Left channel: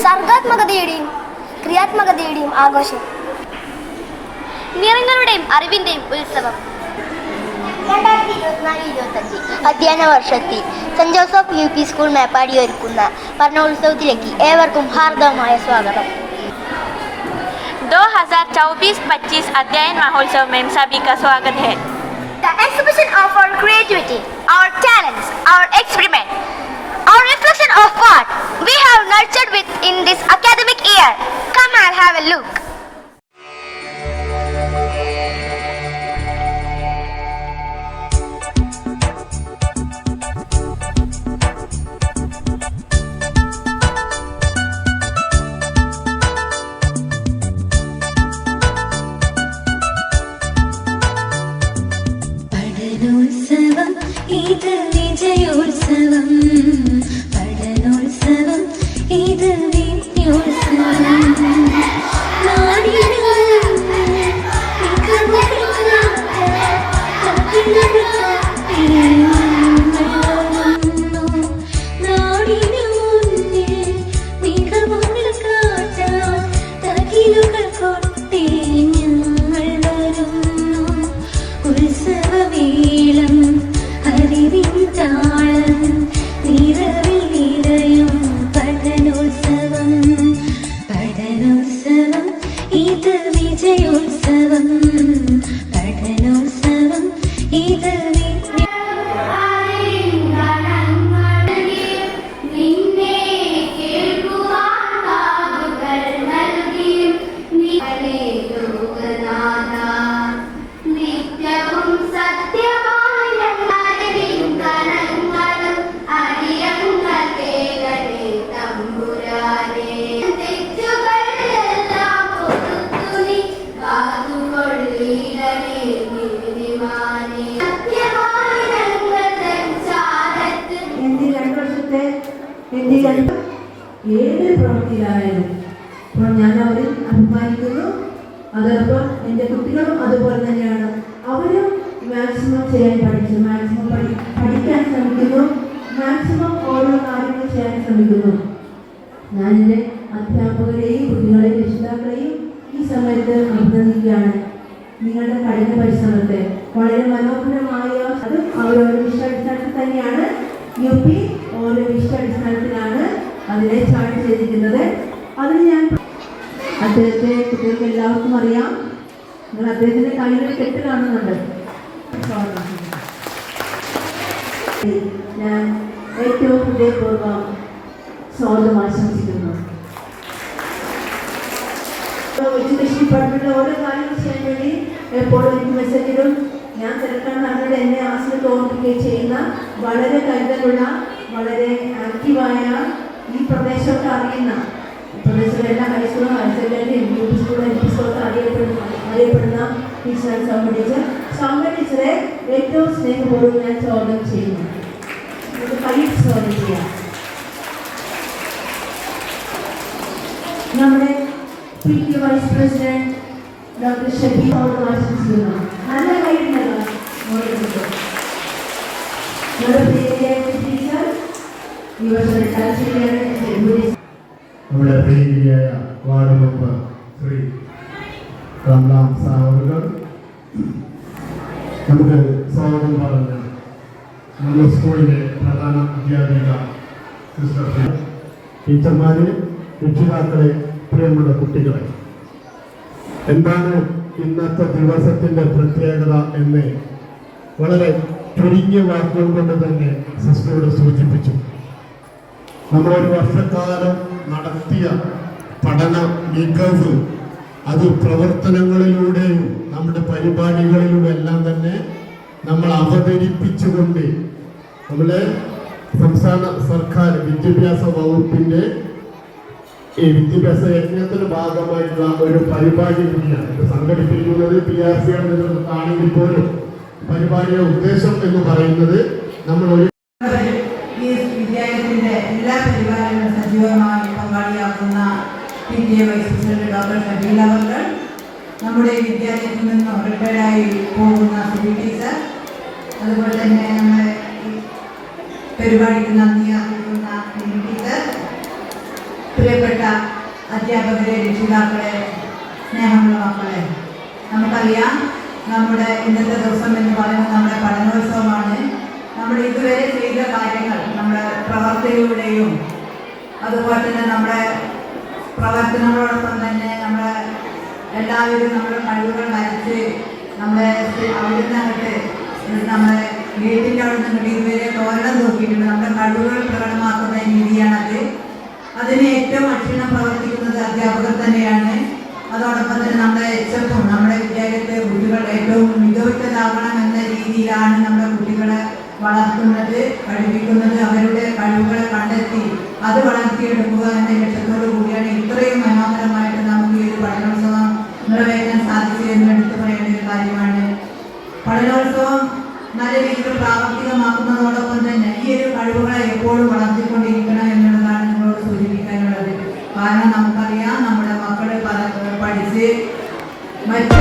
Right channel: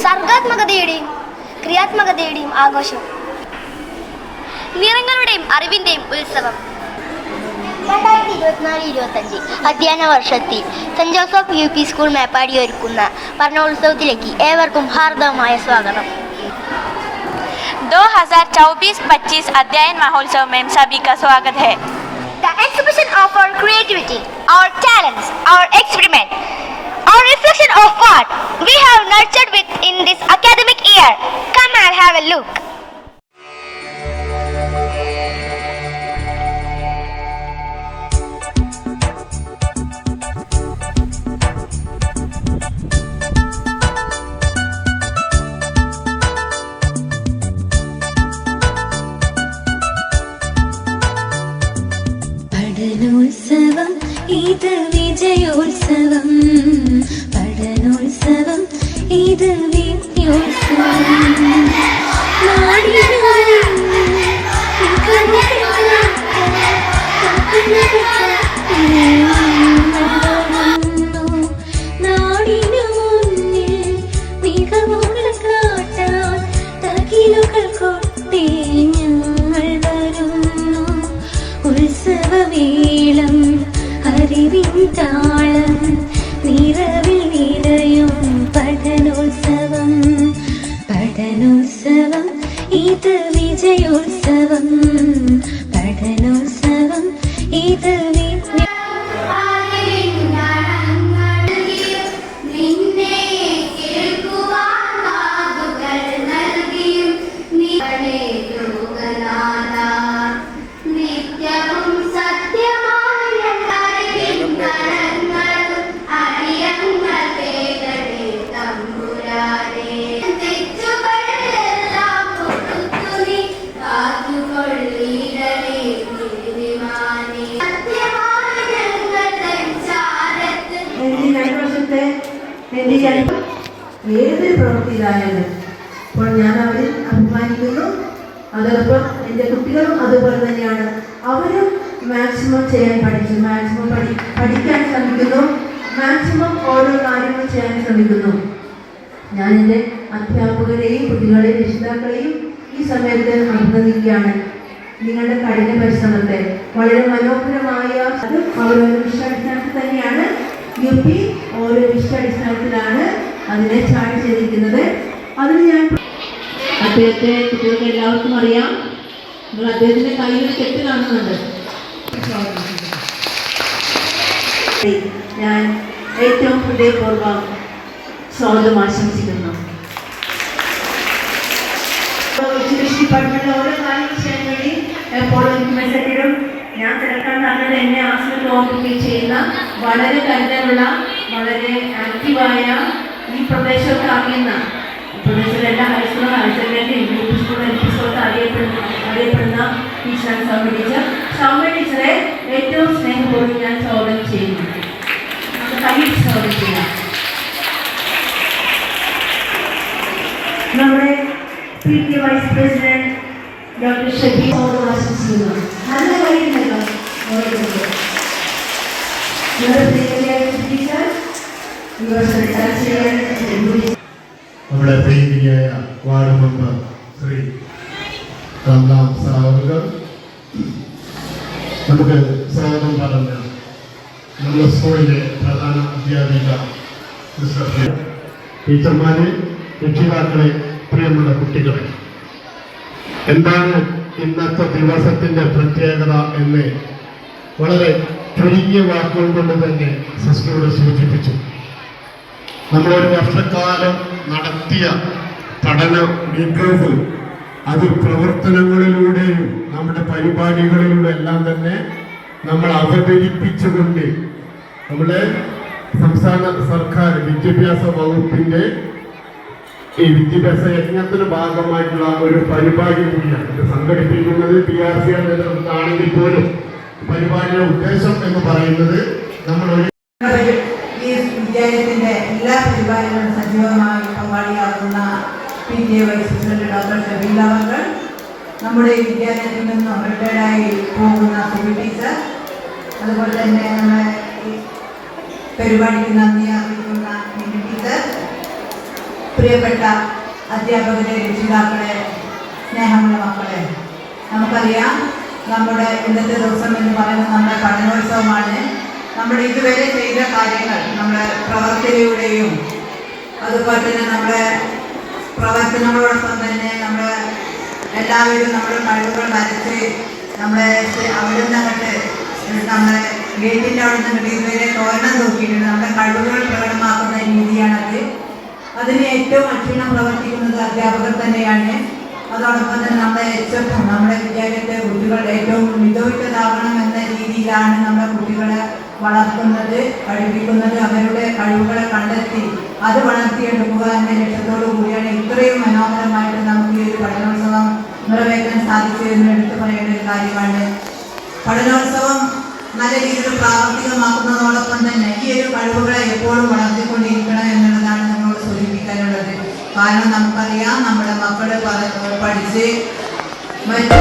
സർഗാത്മകതയുടെയും ക്രിയാത്മകതയുടെയും ആഘോഷം, നിറങ്ങളുടെയും അറിവിന്റെയും ഉത്സവം. 2024-25 അധ്യയന വർഷത്തിൽ saint Joseph UP school Meppadi ഒരുക്കുന്ന വർണ്ണോത്സവത്തിലേക്ക് ഏവർക്കും ഹാർദവമായ സ്വാഗതം. 2024-25 अध्ययन महोत्सव में सभी का स्वागत है. The exhibition of our creativity, our talents, our experiment, our reflection of what we have nurtured within this academic year. Come and have a look. പഠനോത്സവം ഇത് വിജയോത്സവം, പഠനോത്സവം ഇത് വിദ്യോത്സവം. നാടിനു നാടിനു മുന്നിൽ മികവുകൾ കാട്ടാൻ തകിലുകൾ കൊട്ടി ഞങ്ങൾ വരുന്നു. ഉത്സവവേളം അറിവിൻ താളം നിറവിൽ നിറയും പഠനോത്സവം, പഠനോത്സവം ഇത് വിജയോത്സവം, പഠനോത്സവം ഇത് ഏതൊരു പ്രവൃത്തിയിലായാലും അപ്പോൾ ഞാൻ അവരിൽ അഭിമാനിക്കുന്നു. അതോടൊപ്പം എൻ്റെ കുട്ടികളും അതുപോലെ തന്നെയാണ്. അവരും മാക്സിമം ചെയ്യാൻ പഠിച്ചു, മാക്സിമം പഠിക്കാൻ ശ്രമിക്കുന്നു, മാക്സിമം ഓരോ കാര്യങ്ങൾ ചെയ്യാൻ ശ്രമിക്കുന്നു. ഞാൻ എൻ്റെ അധ്യാപകരെയും കുട്ടികളെയും രക്ഷിതാക്കളെയും ഈ സമയത്ത് അഭിനന്ദിക്കുകയാണ്. നിങ്ങളുടെ കഠിന പരിശ്രമത്തെ വളരെ മനോഹരമായ അത് ഓരോ വിഷയാടിസ്ഥാനത്തിൽ തന്നെയാണ്. UP ഓരോ വിഷയാടിസ്ഥാനത്തിലാണ് അതിനെ ചാർട്ട് ചെയ്തിരിക്കുന്നത്. അതിന് ഞാൻ അദ്ദേഹത്തെ കുട്ടികൾക്ക് എല്ലാവർക്കും അറിയാം. നിങ്ങൾ അദ്ദേഹത്തിൻ്റെ കയ്യിൽ കെട്ട് കാണുന്നുണ്ട്. ഞാൻ ഏറ്റവും ഹൃദയപൂർവ്വം സ്വാഗതം ആശംസിക്കുന്നു. എഡ്യൂക്കേഷൻ ഡിപ്പാർട്ട്മെന്റിലെ ഓരോ കാര്യങ്ങൾ ചെയ്യാൻ വേണ്ടി എപ്പോഴും മെസ്സേജിടും. ഞാൻ തിരക്കാന്ന് പറഞ്ഞത് എന്നെ ആശ്രമത്തിൽ ഓർമ്മിക്കുകയും ചെയ്യുന്ന വളരെ കരുതലുള്ള വളരെ ആക്റ്റീവായ ഈ പ്രദേശമൊക്കെ അറിയുന്ന പ്രദേശത്തിലെ എല്ലാ ഹൈസ്കൂളും ഹയർ സെക്കൻഡറി UP സ്കൂളും LP സ്കൂളൊക്കെ അറിയപ്പെടുന്ന ടീച്ചറാണ് സൗമ്യ ടീച്ചറെ ഏറ്റവും സ്നേഹപൂർവ്വം ഞാൻ സ്വാഗതം ചെയ്യുന്നു. നമുക്ക് കൈയിട്ട് സ്വാഗതം ചെയ്യാം. നമ്മുടെ PTA vice president doctor Shabeer സ്വാഗതം ആശംസിക്കുന്നു. നല്ല കാര്യങ്ങളോ ഓരോരുത്തരും നമ്മുടെ പ്രിയങ്കരിയായ വാർഡ് മെമ്പർ ശ്രീ രാംലാം സാവർ നമുക്ക് സ്വാഗതം പറഞ്ഞ നമ്മുടെ സ്കൂളിലെ പ്രധാന അധ്യാപിക ടീച്ചർമാരെ, രക്ഷിതാക്കളെ, പ്രിയമുള്ള കുട്ടികളെ, എന്താണ് ഇന്നത്തെ ദിവസത്തിൻ്റെ പ്രത്യേകത എന്ന് വളരെ ചുരുങ്ങിയ വാക്കുകൾ കൊണ്ട് തന്നെ സിസ്റ്ററോട് സൂചിപ്പിച്ചു. നമ്മളൊരു വർഷക്കാലം നടത്തിയ പഠന മികവ് അത് പ്രവർത്തനങ്ങളിലൂടെയും നമ്മുടെ പരിപാടികളിലൂടെ എല്ലാം തന്നെ നമ്മൾ അവതരിപ്പിച്ചുകൊണ്ട് നമ്മുടെ സംസ്ഥാന സർക്കാർ വിദ്യാഭ്യാസ വകുപ്പിൻ്റെ ഈ വിദ്യാഭ്യാസ യജ്ഞത്തിന് ഭാഗമായിട്ടുള്ള ഒരു പരിപാടി കൂടിയാണ് ഇത് സംഘടിപ്പിക്കുന്നത്. PRC നേതൃത്വത്തിലാണെങ്കിൽ പോലും പരിപാടിയുടെ ഉദ്ദേശം എന്ന് പറയുന്നത് നമ്മൾ ഈ വിദ്യാലയത്തിന്റെ എല്ലാ പരിപാടികളും സജീവമായി പങ്കാളിയാകുന്ന PTA വൈസ് പ്രസിഡന്റ് ഡോക്ടർ ഷബീല അവർ, നമ്മുടെ വിദ്യാലയത്തിൽ നിന്നും റിട്ടയർഡായി പോകുന്ന സുബി ടീച്ചർ, അതുപോലെ തന്നെ നമ്മുടെ പരിപാടിക്ക് നന്ദി അറിയിക്കുന്ന ടീച്ചർ, പ്രിയപ്പെട്ട അധ്യാപകരെ, രക്ഷിതാക്കളെ, സ്നേഹമുള്ള മക്കളെ, നമുക്കറിയാം നമ്മുടെ ഇന്നത്തെ ദിവസം എന്ന് പറയുന്നത് നമ്മുടെ പഠനോത്സവമാണ്. നമ്മൾ ഇതുവരെ ചെയ്ത കാര്യങ്ങൾ നമ്മുടെ പ്രവർത്തനയുടെയും അതുപോലെ തന്നെ നമ്മുടെ പ്രവർത്തനങ്ങളോടൊപ്പം തന്നെ നമ്മുടെ എല്ലാവരും നമ്മുടെ കഴിവുകൾ വരച്ച് നമ്മളെ അവിടെ നിന്നങ്ങോട്ട് നമ്മളെ ഗേറ്റിൻ്റെ അവിടെ നിന്ന് ഇതുവരെ തോരണം നോക്കിയിട്ടുണ്ട്. നമ്മുടെ കഴിവുകൾ പ്രകടമാക്കുന്ന രീതിയാണത്. അതിന് ഏറ്റവും അക്ഷീണം പ്രവർത്തിക്കുന്നത് അധ്യാപകർ തന്നെയാണ്. അതോടൊപ്പം തന്നെ നമ്മുടെ എച്ചപ്പും നമ്മുടെ വിദ്യാലയത്തെ കുട്ടികൾ ഏറ്റവും മികവുറ്റതാവണം എന്ന രീതിയിലാണ് നമ്മുടെ കുട്ടികളെ വളർത്തുന്നത്, പഠിപ്പിക്കുന്നത്. അവരുടെ കഴിവുകളെ കണ്ടെത്തി അത് വളർത്തിയെടുക്കുക എന്ന ലക്ഷ്യത്തോടു കൂടിയാണ് ഇത്രയും മനോഹരമായിട്ട് നമുക്ക് ഈ ഒരു പഠനോത്സവം നിറവേറ്റാൻ സാധിച്ചു എന്ന് എടുത്തു പറയേണ്ട ഒരു കാര്യമാണ്. പഠനോത്സവം നല്ല രീതിയിൽ പ്രാവർത്തികമാക്കുന്നതോടൊപ്പം തന്നെ ഈ ഒരു കഴിവുകളെ എപ്പോഴും വളർത്തിക്കൊണ്ടിരിക്കണം എന്നുള്ളതാണ് നമ്മളോട് സൂചിപ്പിക്കാനുള്ളത്. കാരണം നമുക്കറിയാം നമ്മുടെ മക്കള് പഠിച്ച് മറ്റു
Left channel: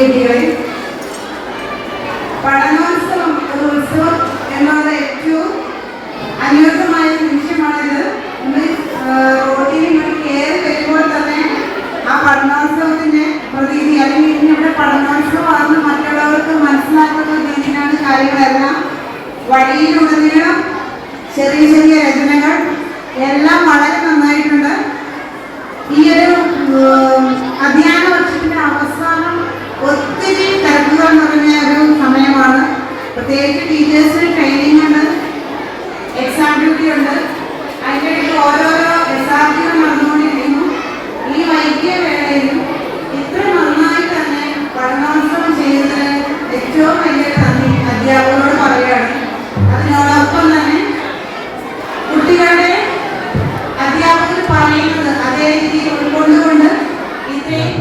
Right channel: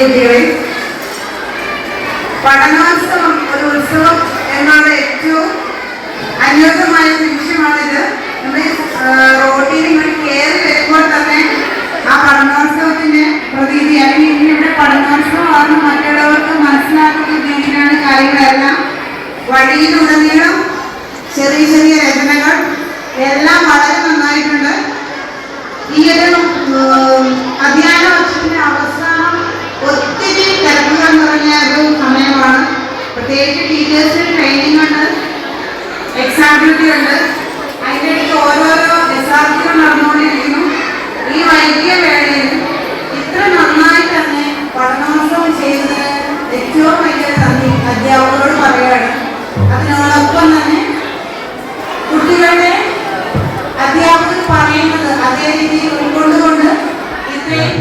കുട്ടികളെ, പഠനോത്സവം ഒരു ഉത്സവം എന്നാണ് ഏറ്റവും അനുയോജ്യമായ നിമിഷമാണിത്. നമ്മൾ റോഡിൽ ഇങ്ങനെ കയറി വരുമ്പോൾ തന്നെ ആ പഠനോത്സവത്തിന്റെ പ്രതീതി അല്ലെങ്കിൽ ഇങ്ങനെ പഠനോത്സവമാണെന്ന് മറ്റുള്ളവർക്ക് മനസ്സിലാക്കുന്ന രീതിയിലാണ് കാര്യങ്ങളെല്ലാം. വഴിയിലുടനീളം ചെറിയ ചെറിയ രചനകൾ എല്ലാം വളരെ നന്നായിട്ടുണ്ട്. ഈ ഒരു അധ്യയന വർഷത്തിന്റെ അവസാനം ഒത്തിരി തിരക്കുകൾ നിറഞ്ഞ ഒരു സമയമാണ്. പ്രത്യേകിച്ച് ടീച്ചേഴ്സിന് ട്രെയിനിങ് ഉണ്ട്, എക്സാം ഡ്യൂട്ടി ഉണ്ട്, അതിൻ്റെ ഇടയ്ക്ക് ഓരോരോ യഥാർത്ഥ്യം നടന്നുകൊണ്ടിരിക്കുന്നു. ഈ വൈകിയ വേളയിൽ ഇത്ര നന്നായി തന്നെ പഠനോത്സവം ചെയ്യുന്നത് ഏറ്റവും വലിയ നന്ദി അധ്യാപകരോട് പറയുകയാണ്. അതിനോടൊപ്പം തന്നെ കുട്ടികളുടെ അധ്യാപകർ പറയുന്നത് അതേ രീതിയിൽ ഉൾക്കൊണ്ടുകൊണ്ട് ഇത്രയും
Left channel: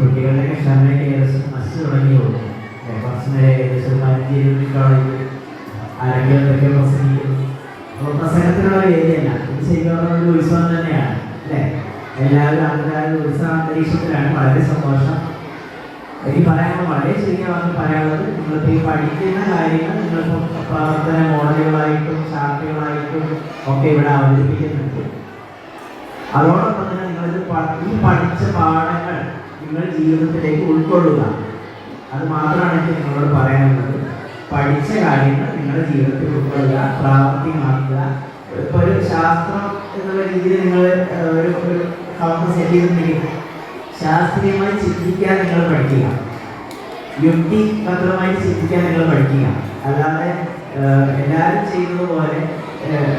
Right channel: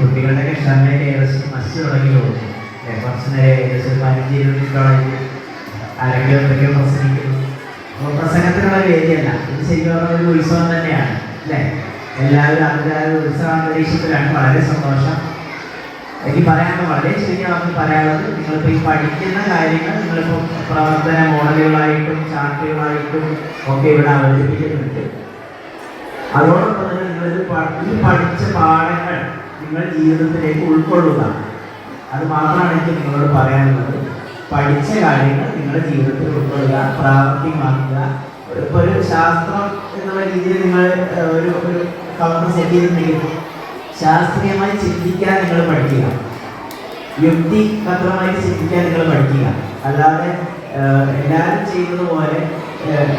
കുട്ടികളുടെ ക്ഷമയൊക്കെ ഏകദേശം മത്സ്യം തുടങ്ങിയുള്ളൂ. കുറച്ച് നേരം ഏകദേശം 15-20 ആരെങ്കിലും എന്തൊക്കെ പ്രസംഗിക്കുന്നു. അപ്പോൾ പ്രസംഗത്തിനുള്ള വേദിയല്ല, ഇത് ശരിക്കും ഒരു ഉത്സവം തന്നെയാണ് അല്ലേ? എല്ലാവരും ആൾക്കാരും ഉത്സവ അന്തരീക്ഷത്തിലാണ്. വളരെ സന്തോഷം. എനിക്ക് പറയാനുള്ളത് വളരെ ശരിയാണെന്ന് പറയാനുള്ളത്, നിങ്ങളിപ്പോൾ ഈ പഠിക്കുന്ന കാര്യങ്ങൾ നിങ്ങളിപ്പോൾ പ്രവർത്തന മോഡലുകളായിട്ടും ചാർട്ടുകളായിട്ടും ഒക്കെ ഇവിടെ അവതരിപ്പിക്കുന്നുണ്ട്. അതോടൊപ്പം തന്നെ നിങ്ങൾ ഈ പഠിച്ച പാഠങ്ങൾ നിങ്ങൾ ജീവിതത്തിലേക്ക് ഉൾക്കൊള്ളുക. അത് മാത്രമാണ് എനിക്ക് നിങ്ങളോട് പറയാനുള്ളത്. പഠിച്ച കാര്യങ്ങൾ നിങ്ങളുടെ ജീവിതത്തിൽ ഉൾക്കൊള്ളുക, പ്രാവർത്തികമാക്കുക. ഇപ്പോൾ ഒരു ശാസ്ത്രം എന്നുള്ള രീതിയിൽ നിങ്ങൾ ഒരു കൗണ്ടർ സെറ്റ് ചെയ്തിട്ടുണ്ടെങ്കിൽ ശാസ്ത്രീയമായി ചിന്തിക്കാൻ നിങ്ങൾ പഠിക്കുക, യുക്തിപരമായിട്ട് ചിന്തിക്കാൻ നിങ്ങൾ പഠിക്കുക. അല്ലാതെ എല്ലാവരും ചെയ്യുന്നത് പോലെ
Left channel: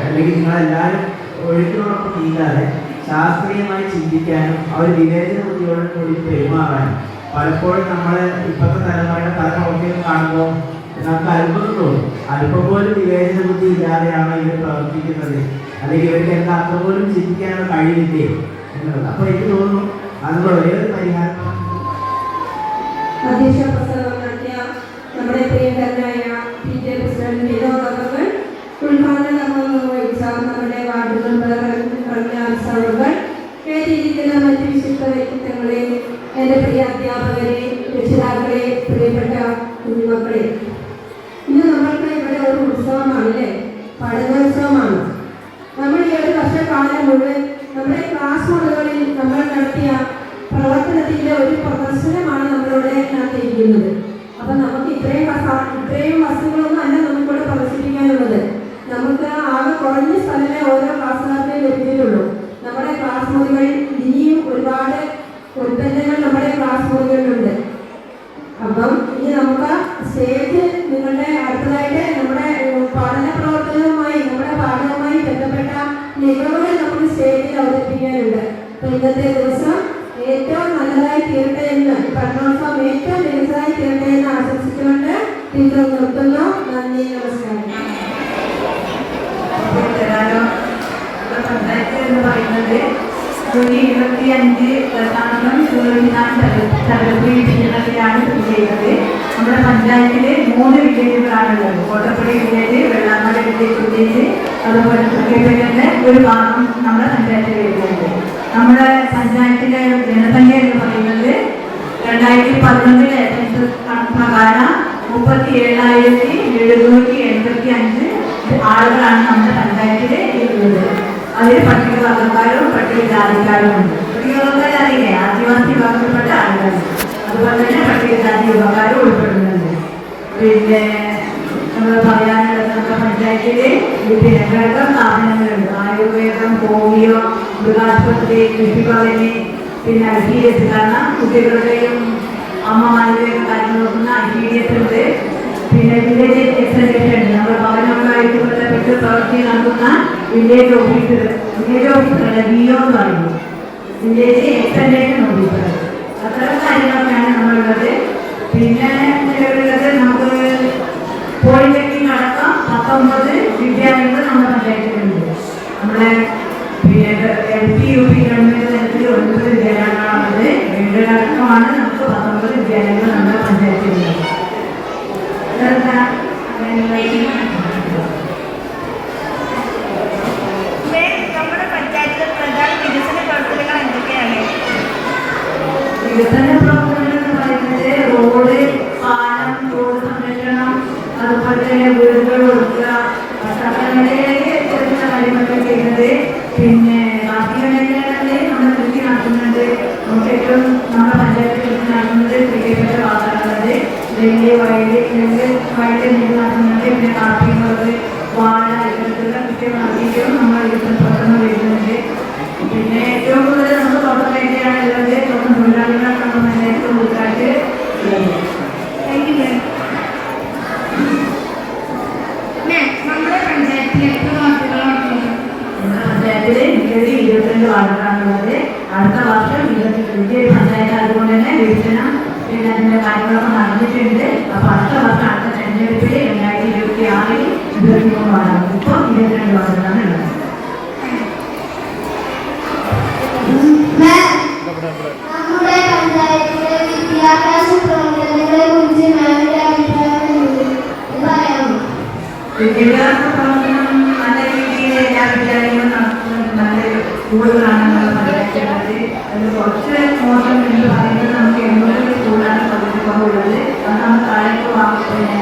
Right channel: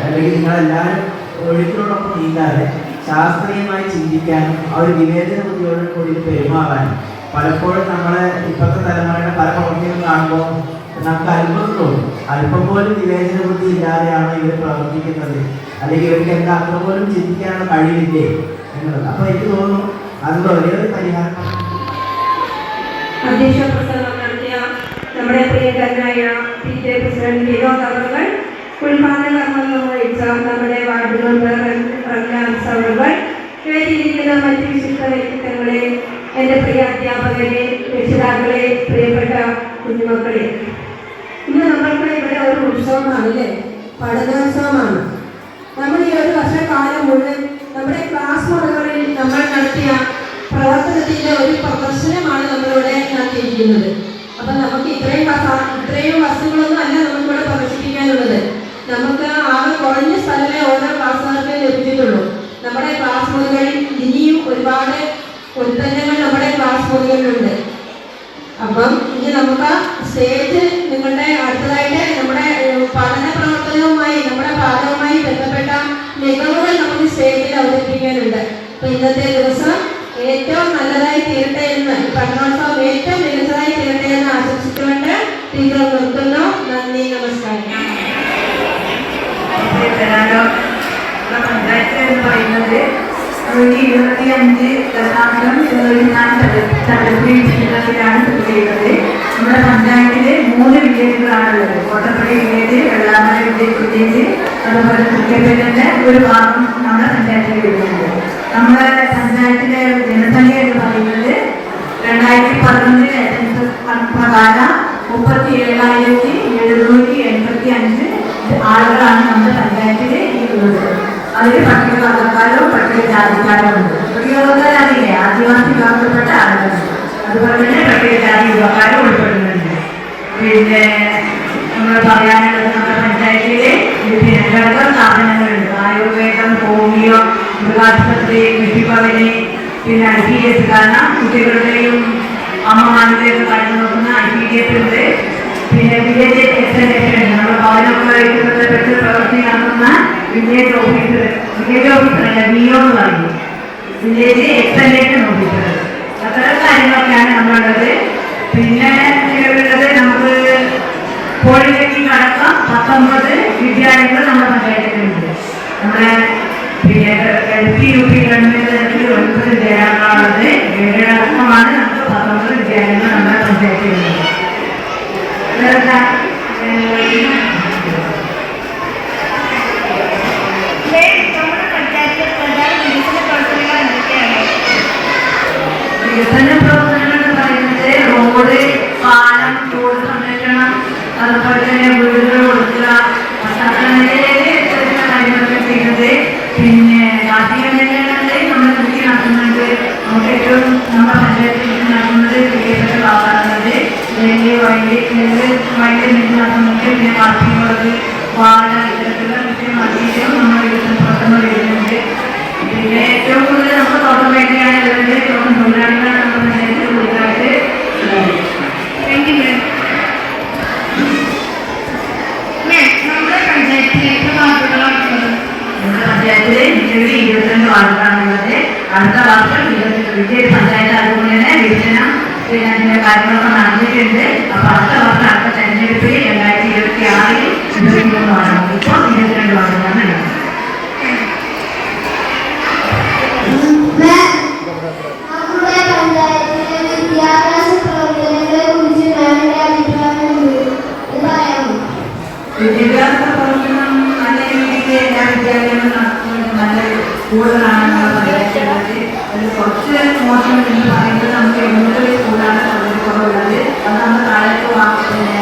അല്ലെങ്കിൽ നിങ്ങളെല്ലാവരും ഒഴുക്കിനോടൊപ്പം നീങ്ങാതെ ശാസ്ത്രീയമായി ചിന്തിക്കാനും ആ ഒരു വിവേചന ബുദ്ധിയോട് കൂടി പെരുമാറാനും പലപ്പോഴും നമ്മൾ ഇപ്പോഴത്തെ തലമുറയുടെ പല പ്രവൃത്തികളും കാണുമ്പോൾ നമുക്ക് അത്ഭുതം തോന്നും. അല്പം പോലും വിവേചന ബുദ്ധി ഇല്ലാതെയാണോ ഇവർ പ്രവർത്തിക്കുന്നത്, അല്ലെങ്കിൽ ഇവർക്ക് എന്താ അല്പം പോലും ചിന്തിക്കാനുള്ള കഴിവില്ലേ എന്നുള്ളത്. അപ്പോൾ എനിക്ക് തോന്നുന്നു അതിൻ്റെ ഒരേ ഒരു പരിഹാരം അധ്യക്ഷ പ്രസംഗം നടത്തിയ നമ്മുടെ പ്രിയങ്കരനായ PTA പ്രസിഡന്റ് വിനോദ് അവർ, ഉദ്ഘാടന കർമ്മം നിർവഹിച്ച നമ്മുടെ വാർഡ് മെമ്പർ പ്രജ്ഞാൻസ് അവർ, വേദിയിരിക്കുന്ന മറ്റ് വിശിഷ്ട വ്യക്തിത്വങ്ങളെ, എൻ്റെ പ്രിയ അധ്യാപകരെ, രക്ഷിതാക്കളെ, പ്രിയപ്പെട്ട കുഞ്ഞുമക്കളെ, ഇന്ന് നമ്മൾക്ക് ഇവിടെ ഒരു ഉത്സവമാണല്ലേ, പഠനോത്സവമാണ്. നമ്മൾ ഈ ഒരു വർഷക്കാലം മുഴുവൻ നമ്മുടെ ക്ലാസ് മുറികളിൽ നമ്മൾ നടത്തിയ പ്രവർത്തനത്തിൻ്റെ ഒരു പ്രദർശനമാണ് നമ്മളിവിടെ നടത്തിയിരിക്കുന്നത്. അപ്പം നമുക്ക് ഇത്രയും വസ്തുക്കളൊന്നും അല്ല നമുക്കിവിടെ പ്രദർശിപ്പിക്കാനുള്ളത്. നമുക്ക് ആകെ കുറഞ്ഞ സ്ഥലമേ ഓരോ ക്ലാസ്സുകാർക്ക് ലഭിച്ചിട്ടുള്ളൂ. നമ്മുടെ ക്ലാസ് മുറികളിൽ ഇനിയും ഒരുപാട് ഉൽപ്പന്നങ്ങൾ നമ്മുടെ ക്ലാസ് മുറികളിലുണ്ട്. അപ്പം ഇനി നമുക്ക് സ്റ്റേജ് നിങ്ങളുടെ അടുത്തതായിട്ട് നമ്മുടെ പഠന പ്രവർത്തനവുമായി നമ്മുടെ പാഠവുമായി ബന്ധപ്പെട്ട മികവുകൾ നമുക്ക് സ്റ്റേജിൽ അവതരിപ്പിക്കാനുണ്ട്. അപ്പം ഇന്നത്തെ ദിവസം ഏറ്റവും നല്ലതായി തീരട്ടെ എന്ന്, പഠനോത്സവം ഏറ്റവും മികച്ചതായി തീരട്ടെ എന്ന് ആശംസിച്ചുകൊണ്ട് ടീച്ചർ നിർത്തുന്നു. നന്ദി, നമസ്കാരം. പഞ്ചായത്ത് എന്ന് പറയുന്നത് 25.4 സ്ഥിതി ചെയ്യുന്നത്. നമ്മുടെ പഞ്ചായത്തിൽ 3 വില്ലേജുകളാണുള്ളത്. കോട്ടപ്പടി വില്ലേജ്, വെള്ളാമല വില്ലേജ്, അതുപോലെ കുറ്റപ്പേരിൻ്റെ ഒരു ഭാഗം നമ്മുടെ പഞ്ചായത്തിൽ വരുന്നുണ്ട്. നമ്മുടെ പഞ്ചായത്തിലെ ജനസംഖ്യ എന്ന് പറയുന്നത് 2011 കണക്ക് പ്രകാരം 37,785 ആളുകളാണ് നമ്മുടെ പഞ്ചായത്തിൽ ഉള്ളത്. അതിൽ പട്ടികവർഗക്കാരും പട്ടികജാതിക്കാരും ഉണ്ട്. പട്ടികവർഗക്കാരറിയില്ലേ, ആദിവാസി വിഭാഗത്തിൽപ്പെട്ട ആളുകളുണ്ട്. അതുപോലെ തന്നെ പട്ടികജാതി വിഭാഗക്കാരും ഉൾപ്പെടുന്നുണ്ട്. പിന്നെ നമ്മൾ പറയാനുള്ളത് നമ്മുടെ പഞ്ചായത്തിൽ ഘടകം സ്ഥാപനങ്ങളുണ്ട്. ആയുർവേദം, ഹോമിയോ, മൃഗാശുപത്രി, കൃഷിഭവന്, പിന്നെ IPDS, കാരണം കുട്ടികളുടെയും അമ്മമാരുടെയും കാര്യം നോക്കുന്ന IPDS ഉണ്ട്. പിന്നെ വില്ലേജ് എക്സ്റ്റൻഷൻ ഉണ്ട്. നമ്മുടെ ഭവനവുമായിട്ട് ബന്ധപ്പെട്ട് പ്രവർത്തി നടത്തുന്ന വില്ലേജ് ഓഫീസർ VO എന്ന് പറയും, വില്ലേജ് എക്സ്റ്റൻഷൻ ഓഫീസർ. അത്തരം കാര്യങ്ങളൊക്കെയാണ് നമ്മളുള്ളത്. പിന്നെ ഉള്ളത് നമുക്ക് പോളിടെക്നിക് അടക്കം 19 വിദ്യാലയങ്ങൾ നമ്മുടെ പഞ്ചായത്തിലുണ്ട്. നമ്മുടെ പിന്നെ LP UP ഗവൺമെന്റ് തലത്തിൽ 9 വിദ്യാലയങ്ങളാണുള്ളത്. 7 അടക്കമാണ് നമുക്ക് 19 വിദ്യാലയങ്ങൾ നമ്മുടെ പഞ്ചായത്തിലുള്ളത്. വികസന പ്രവർത്തനങ്ങൾ എന്ന് പറയുന്നത് റോഡ്, പാലം, റോഡ് സംരക്ഷണം, അതുപോലെ തന്നെ വീടുകൾ കൊടുക്കുക, സർക്കാരിലേക്ക് ചെറിയ കാര്യങ്ങളൊക്കെ ചെയ്യുന്നത്. പിന്നെ കാർഷിക മേഖലകളിൽ നമ്മൾ കൃഷി നടത്തുന്നുണ്ട്. നമുക്ക് ഏറ്റവും നമ്മുടെ പഞ്ചായത്തിൽ നടത്തുന്നത് പ്രിയപ്പെട്ട വാർത്തകളുള്ളത് നെല്ല് നടത്തുന്നുണ്ട്. പിന്നെ കാർഷികമുള്ളത്, വാഴ, ഇത്തരത്തിലുള്ള കൃഷി നടത്തിയിട്ടും നമ്മൾ വികസന പ്രവർത്തനം വരുന്നുണ്ട്. പിന്നെ ഏറ്റവും കൂടുതൽ നമുക്ക് തോട്ടം മേഖലയാണ് ഉള്ളത്. തോട്ടം തൊഴിലാളികളാണ് നമ്മുടെ പഞ്ചായത്തിൽ കൂടുതലായിട്ട് ഉള്ളത്. Thank you ma'am. നമ്മുടെ പഞ്ചായത്തിൽ എത്ര വാർഡുകളാണ് ഉള്ളത്? നമ്മുടെ പഞ്ചായത്തിൽ 22 വാർഡുകളാണുള്ളത്. അടുത്ത വർഷം 22 പഞ്ചായത്ത് അതുകൊണ്ട് തന്നെ വികസനം പിന്നെ അതിൻ്റെ കാര്യങ്ങളൊക്കെ നടന്നിട്ടുണ്ട്. അപ്പോൾ അടുത്ത വർഷം അടുത്ത തെരഞ്ഞെടുപ്പിൽ 2026 23 വാർഡുകൾ, ഇപ്പോൾ 22 വാർഡുകളാണ് ഉള്ളത്. നമ്മുടെ പഞ്ചായത്തിലെ വിദ്യാഭ്യാസ പ്രവർത്തനങ്ങളെ കുറിച്ച് ഞങ്ങളുടെ അഭിപ്രായം പറയാമോ? വിദ്യാഭ്യാസ പ്രവർത്തനം നല്ല രീതിയിൽ എല്ലാ വിദ്യാലയങ്ങളും നടത്തുന്നത് നല്ല സ്കൂളുകളാണ് പഞ്ചായത്തിലുള്ളത്. അതിൽ കുറച്ച് മോശം എന്ന് പറയുന്നത് നമുക്ക് 800 സ്കൂളാണ് സൗകര്യക്കുറവുള്ളത്. അത് നമ്മൾ താഴേക്ക് പിന്നെ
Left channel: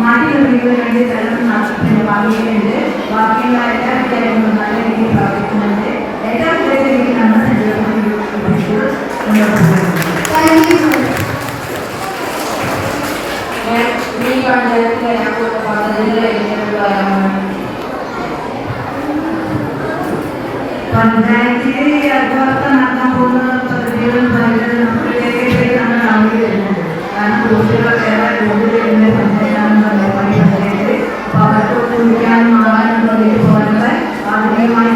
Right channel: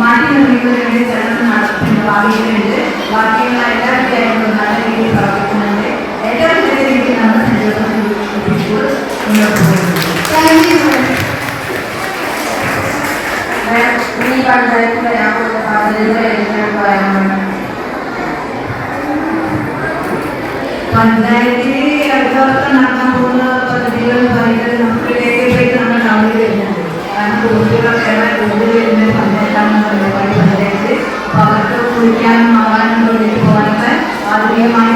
മാറ്റി നിർമ്മിക്കുന്നതിന് വേണ്ടി ചിലത് നടത്തുന്നുണ്ട്, ഭാവിയിലുണ്ട്. ബാക്കിയുള്ള എല്ലാ വിദ്യാലയങ്ങളും നല്ല രീതിയിൽ പ്രവർത്തിക്കുന്നുണ്ട്. ഏറ്റവും കൂടുതൽ രീതിയിൽ നമ്മുടെ സഞ്ചരിക്കുന്ന സ്കൂൾ മുന്നോട്ട് പോകുന്നുണ്ട്. ഈ പഞ്ചായത്തിൽ വരാൻ പോകുന്ന പദ്ധതികൾ എങ്ങനെയാണ് പറയാനാണ്? പഞ്ചായത്തിൽ അടുത്ത വർഷം നടത്താൻ പോകുന്ന പദ്ധതികൾ എന്ന് പറയുന്നത് നമുക്ക് രേഖപ്പെടുത്തി നമ്മൾ നടത്തി വരുന്നുണ്ട്. കാരണം കുട്ടികൾ ഏറെ കൂടുതൽ വരുന്ന പഞ്ചായത്താണെന്ന് പറയുന്നത് പഞ്ചായത്ത്. അപ്പോൾ അവർക്ക് കുളിക്കാനും മാറാനും വേണ്ടിയിട്ട് പോകാനുള്ള ആധുനികമായി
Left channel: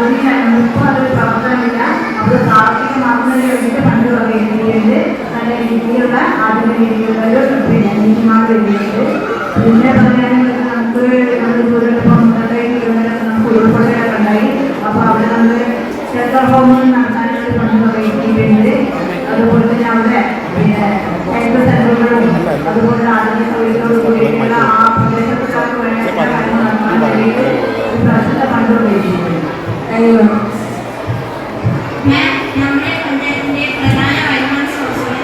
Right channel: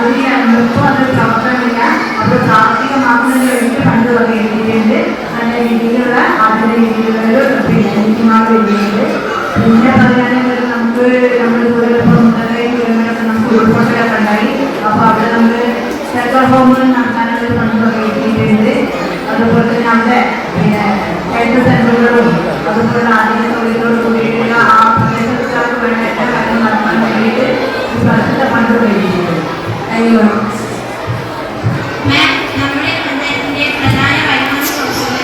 നൃത്തം അതൊരു പ്രവർത്തനമില്ല. അപ്പോൾ സാമ്പത്തിക മാസത്തിന് വേണ്ടിയിട്ട് ഫണ്ട് വകയിരുത്തിയിട്ടുണ്ട്. നല്ല രീതിയിലുള്ള ആദ്യ രീതിയിലുള്ള ഒരു ടീച്ചർമാർ വരുന്നുണ്ട്. പിന്നെ പറയുകയാണെങ്കിൽ നമുക്ക് നമ്മുടെ കൂടുതൽ 1.5 കിലോമീറ്റർ നമുക്ക് ഉൾക്കൊള്ളലൊക്കെ ഉണ്ടായി. അപ്പോൾ അവിടെ നമുക്ക് സെൻട്രൽ ഹോമുകൾ നടത്താനായിട്ട് ഫണ്ട് വകയിരുത്തിയിട്ടുണ്ട്. അതുപോലെ തന്നെ അവിടെ പിന്നെ ഹെൽത്ത് സെൻ്ററുകളും അതുപോലെ ആരോഗ്യ സൗകര്യത്തോട് കൂടിയിട്ടുള്ള ആ പ്രദേശത്തുകാർക്ക് വേണ്ട എല്ലാ കാര്യങ്ങളും നടത്താൻ വേണ്ടിയിട്ട് ഈ പ്രാവശ്യത്തെ ഫണ്ട് ഉപയോഗിച്ചിട്ടുണ്ട്. നമ്മുടെ പഞ്ചായത്തിന്റെ പ്രധാന വരുമാന സ്രോതസ്സുകൾ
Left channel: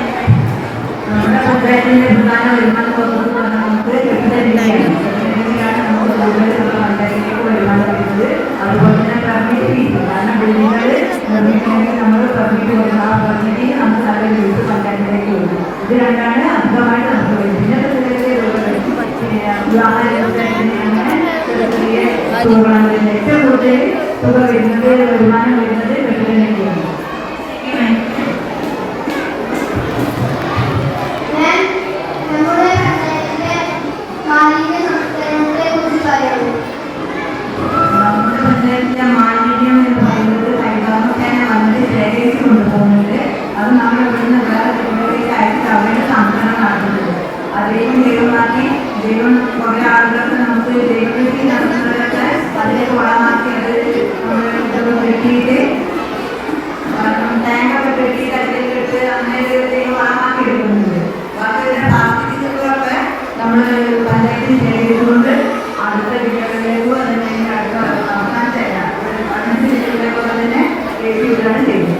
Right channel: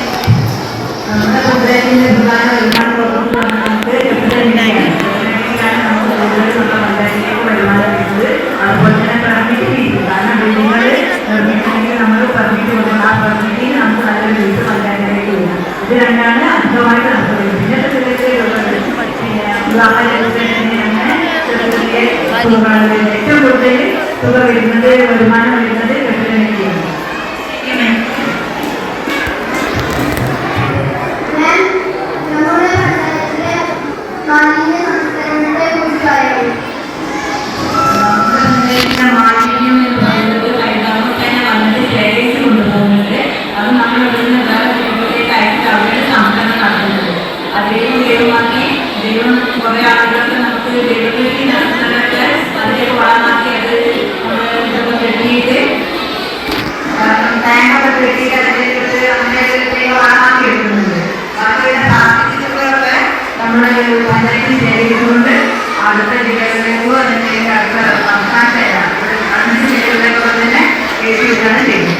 നമ്മുടെ പഞ്ചായത്തിന്റെ പ്രധാന വരുമാന സ്രോതസ്സ് നമുക്ക് പഞ്ചായത്തിലേക്ക് വരുമാനം വരുന്നത്. അതുപോലെ തന്നെ പെർമിറ്റ് ഫീസ്, കാരണം ബിൽഡിങ്ങൾ നിർമ്മിക്കണമെങ്കിൽ നമ്മൾ പെർമിറ്റ് കൊടുക്കണം. ആ പെർമിറ്റിന് നമുക്ക് നല്ലൊരു ഫീസ് പഞ്ചായത്തിലേക്ക് വരും. ഇത് രണ്ടാണ് അധികമായിട്ട് നമുക്ക് വരും. പിന്നെ പിന്നെ ഏറ്റവും കൂടുതൽ തുക വരുന്നത് വരുമാനം വരുന്നത് കെട്ടിടനിധിയാണ്. മാലിന്യം എന്ന് പറയുന്നത് ഹൈദരാബാദ് വന്നിട്ട് ശേഖരിച്ച് കൊണ്ടുപോകുന്നുണ്ട്. അത് നമ്മൾ ഇവിടുന്ന് ജില്ലയിലേക്ക് അയച്ച് അവരുടെ സംരംഭം നടത്തുന്നത്. അതിലേക്ക് ദൈവമാക്കി ദൈവം കുറേ ആളുകൾക്ക് നമുക്ക് ദൈവത്തിലേക്ക് നടത്തുന്നതൊക്കെ അതിലേക്ക് വളമാക്കി അത് കെട്ടിയിട്ട് ടാങ്കൊക്കെ കെട്ടിയിട്ട് അതിലേക്ക് അങ്ങനെ വളമാക്കി എടുക്കുന്നുണ്ട്. ബാക്കിയുള്ള പ്ലാസ്റ്റിക്കുകളൊക്കെ നമ്മൾ പഞ്ചായത്തിൽ ശേഖരിച്ചുകൊണ്ട് അടുത്ത ജില്ലകളിലേക്കോ അല്ലെങ്കിൽ അടുത്ത സംസ്ഥാനത്തേക്കാണ് അഞ്ച് ജില്ലകളിലേക്കോ തന്നെ കയറ്റിവിടുകയാണ് ചെയ്യുന്നത്.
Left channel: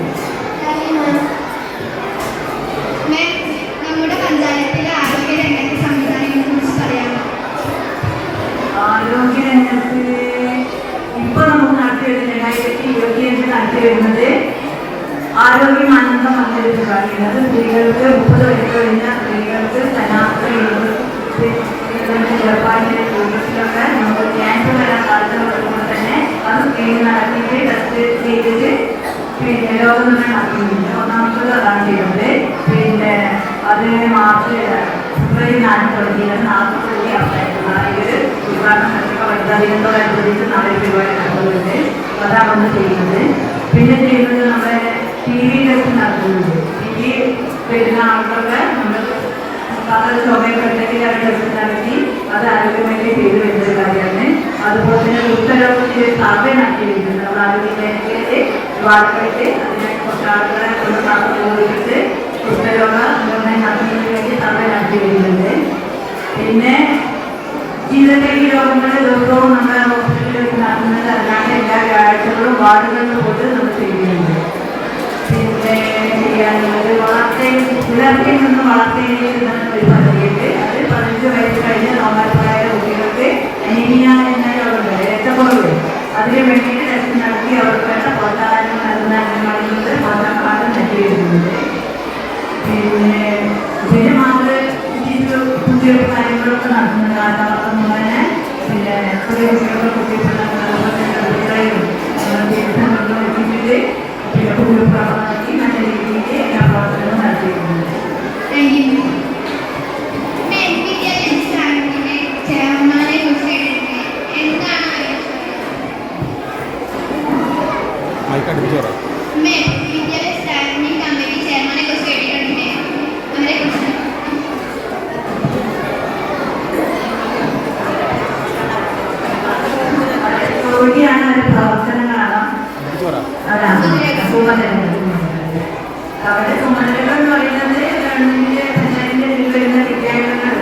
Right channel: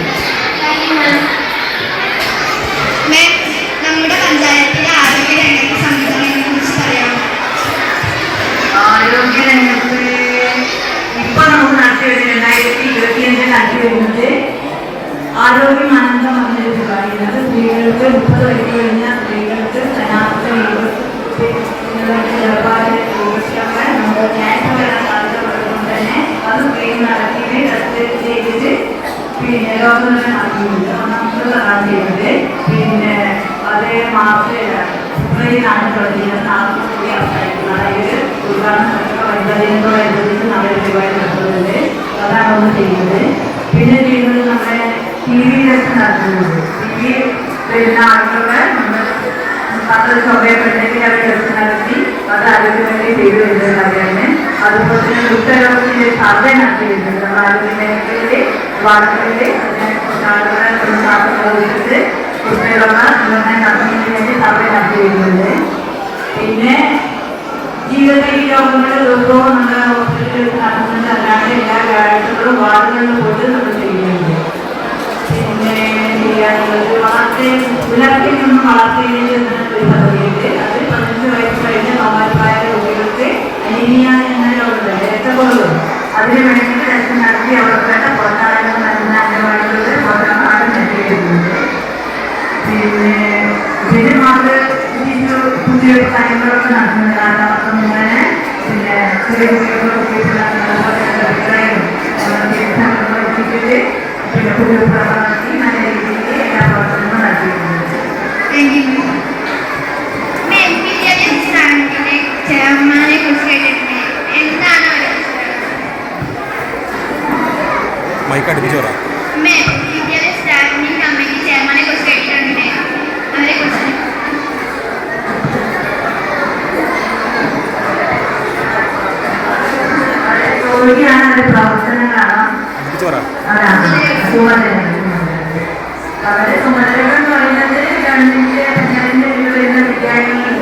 നമ്മുടെ പഞ്ചായത്തിലെ ആരോഗ്യ രംഗത്തെ സംവിധാനങ്ങളെ കുറിച്ച് പറയാം. ആരോഗ്യ രംഗത്ത് ഇപ്പോൾ നമുക്ക് നടത്തി വരുന്നത് 2025 നടത്തി വരുന്നത് ആരോഗ്യമാനന്ദം എന്നൊരു പരിപാടിയാണ്. സ്ത്രീകൾക്ക് 30 വയസ്സ് കഴിഞ്ഞ സ്ത്രീകൾക്ക് ജപ്പാനിലെ ടൂറിസ്റ്റൊക്കെ നമുക്ക് ക്യാൻസർ വരാൻ സാധ്യതപ്പെടുമ്പോൾ തന്നെ അത് സ്ക്രീൻ നടത്തിയിട്ട് ടെസ്റ്റ് ചെയ്തിട്ട് പിന്നെ ലോകം നടത്തിയിട്ടുണ്ട്. നമുക്ക് അതാണ് ചെയ്യുന്നത്. പിന്നെ അത് മാത്രമല്ല ഫെബ്രുവരിയിലാണ് തുടങ്ങിയത്. 40 അവസാനമാണ് ഇത് ഉദ്ഘാടനം നടത്തുക. വൈദ്യുതിയോടനുബന്ധിച്ച് നാളെ പരിപാടി നടത്തുന്നുണ്ട്. അതാണ് നമ്മൾ ചെയ്യുന്നത്. പിന്നെ ചെയ്യുന്നത് നമ്മുടെ TV ടെസ്റ്റ് നടത്തുന്നുണ്ട്. TV വരുന്ന ആളുകളെ നമ്മൾ സ്വഭയപ്പെട്ടെങ്കിൽ അവർ ടെസ്റ്റ് നടത്തി അത് ആരോഗ്യമേഖല ചെയ്തു വരുന്നത് കാര്യമാണ്. അതുപോലെ തന്നെ വൃദ്ധരോഗത്തിൻ്റെ സർവേ നടത്തി വരുന്നുണ്ട്. നമ്മൾ ആരോഗ്യമേഖലയിലെ വാർത്തകളിൽ അതിനെക്കുറിച്ച് ആളുകളെ ഉപയോഗിച്ചിട്ട് വൃദ്ധരോഗ നിർണ്ണയം നടത്തുന്നതിന് വേണ്ടി സർവേ നടത്തി വരുന്നുണ്ട്. പിന്നെ ജീവിതശൈലി രോഗങ്ങളുടെ ദിവസവും നമ്മുടെ ഹോസ്പിറ്റലിൽ നടത്തുന്നത് അല്ലാണ്ട് എല്ലാ വ്യാഴ്ചകളും വാർഡുകളിലും പോയിട്ട് നമ്മൾ ചെയ്യുന്നുണ്ട്. പിന്നെ ചെയ്യാനുള്ളത് വളർച്ചയൊന്നും വളർച്ചയിൽ ഒരു പദ്ധതിയുണ്ട്. അത് 15 വയസ്സ് കഴിഞ്ഞ സമാനമായ കുട്ടികൾക്ക് അനീമിയ എന്ന രോഗമുണ്ട്, രക്തക്കുറവ്. അതിന് വേണ്ടിയിട്ട് ടെസ്റ്റ് നടത്തി അവർക്ക് വേണ്ട പ്രോത്സാഹനം നൽകുന്ന അംഗനവാടികളിൽ പ്രോത്സാഹനം നൽകി വരുന്നുണ്ട്. പിന്നെ ഇതിന് മാത്രം കുട്ടികളുടെ കാര്യങ്ങളൊക്കെ നടത്തുന്നതാണ്. അപ്പം ഇങ്ങനെ പിന്നെ ചെറിയ കുട്ടികളുടെ എത്തിച്ചിട്ട് പിന്നെ കുട്ടികൾ പ്രവർത്തനത്തിൽ നല്ല രീതിയിൽ എല്ലാ പ്രവർത്തനങ്ങളും നടത്തിയിട്ടുണ്ട്. ചെയർമാനെ കുറിച്ച് എന്താണ് വിദ്യാലയ സ്റ്റാൻഡിംഗ് കമ്മിറ്റി ചെയർമാനെ കുറിച്ച് കേട്ടിട്ടുണ്ട്. അവരെ കുറിച്ച് ജോലിയാണ് അവരുടെ പ്രവർത്തനങ്ങളാണ്. അവരുടെ ചുമതലകൾ എന്ന് പറയുന്നത് ഗവൺമെന്റിന്റെ പഞ്ചായത്തിന്റെ ഇതിൽ വരുന്ന വിദ്യാലയങ്ങൾ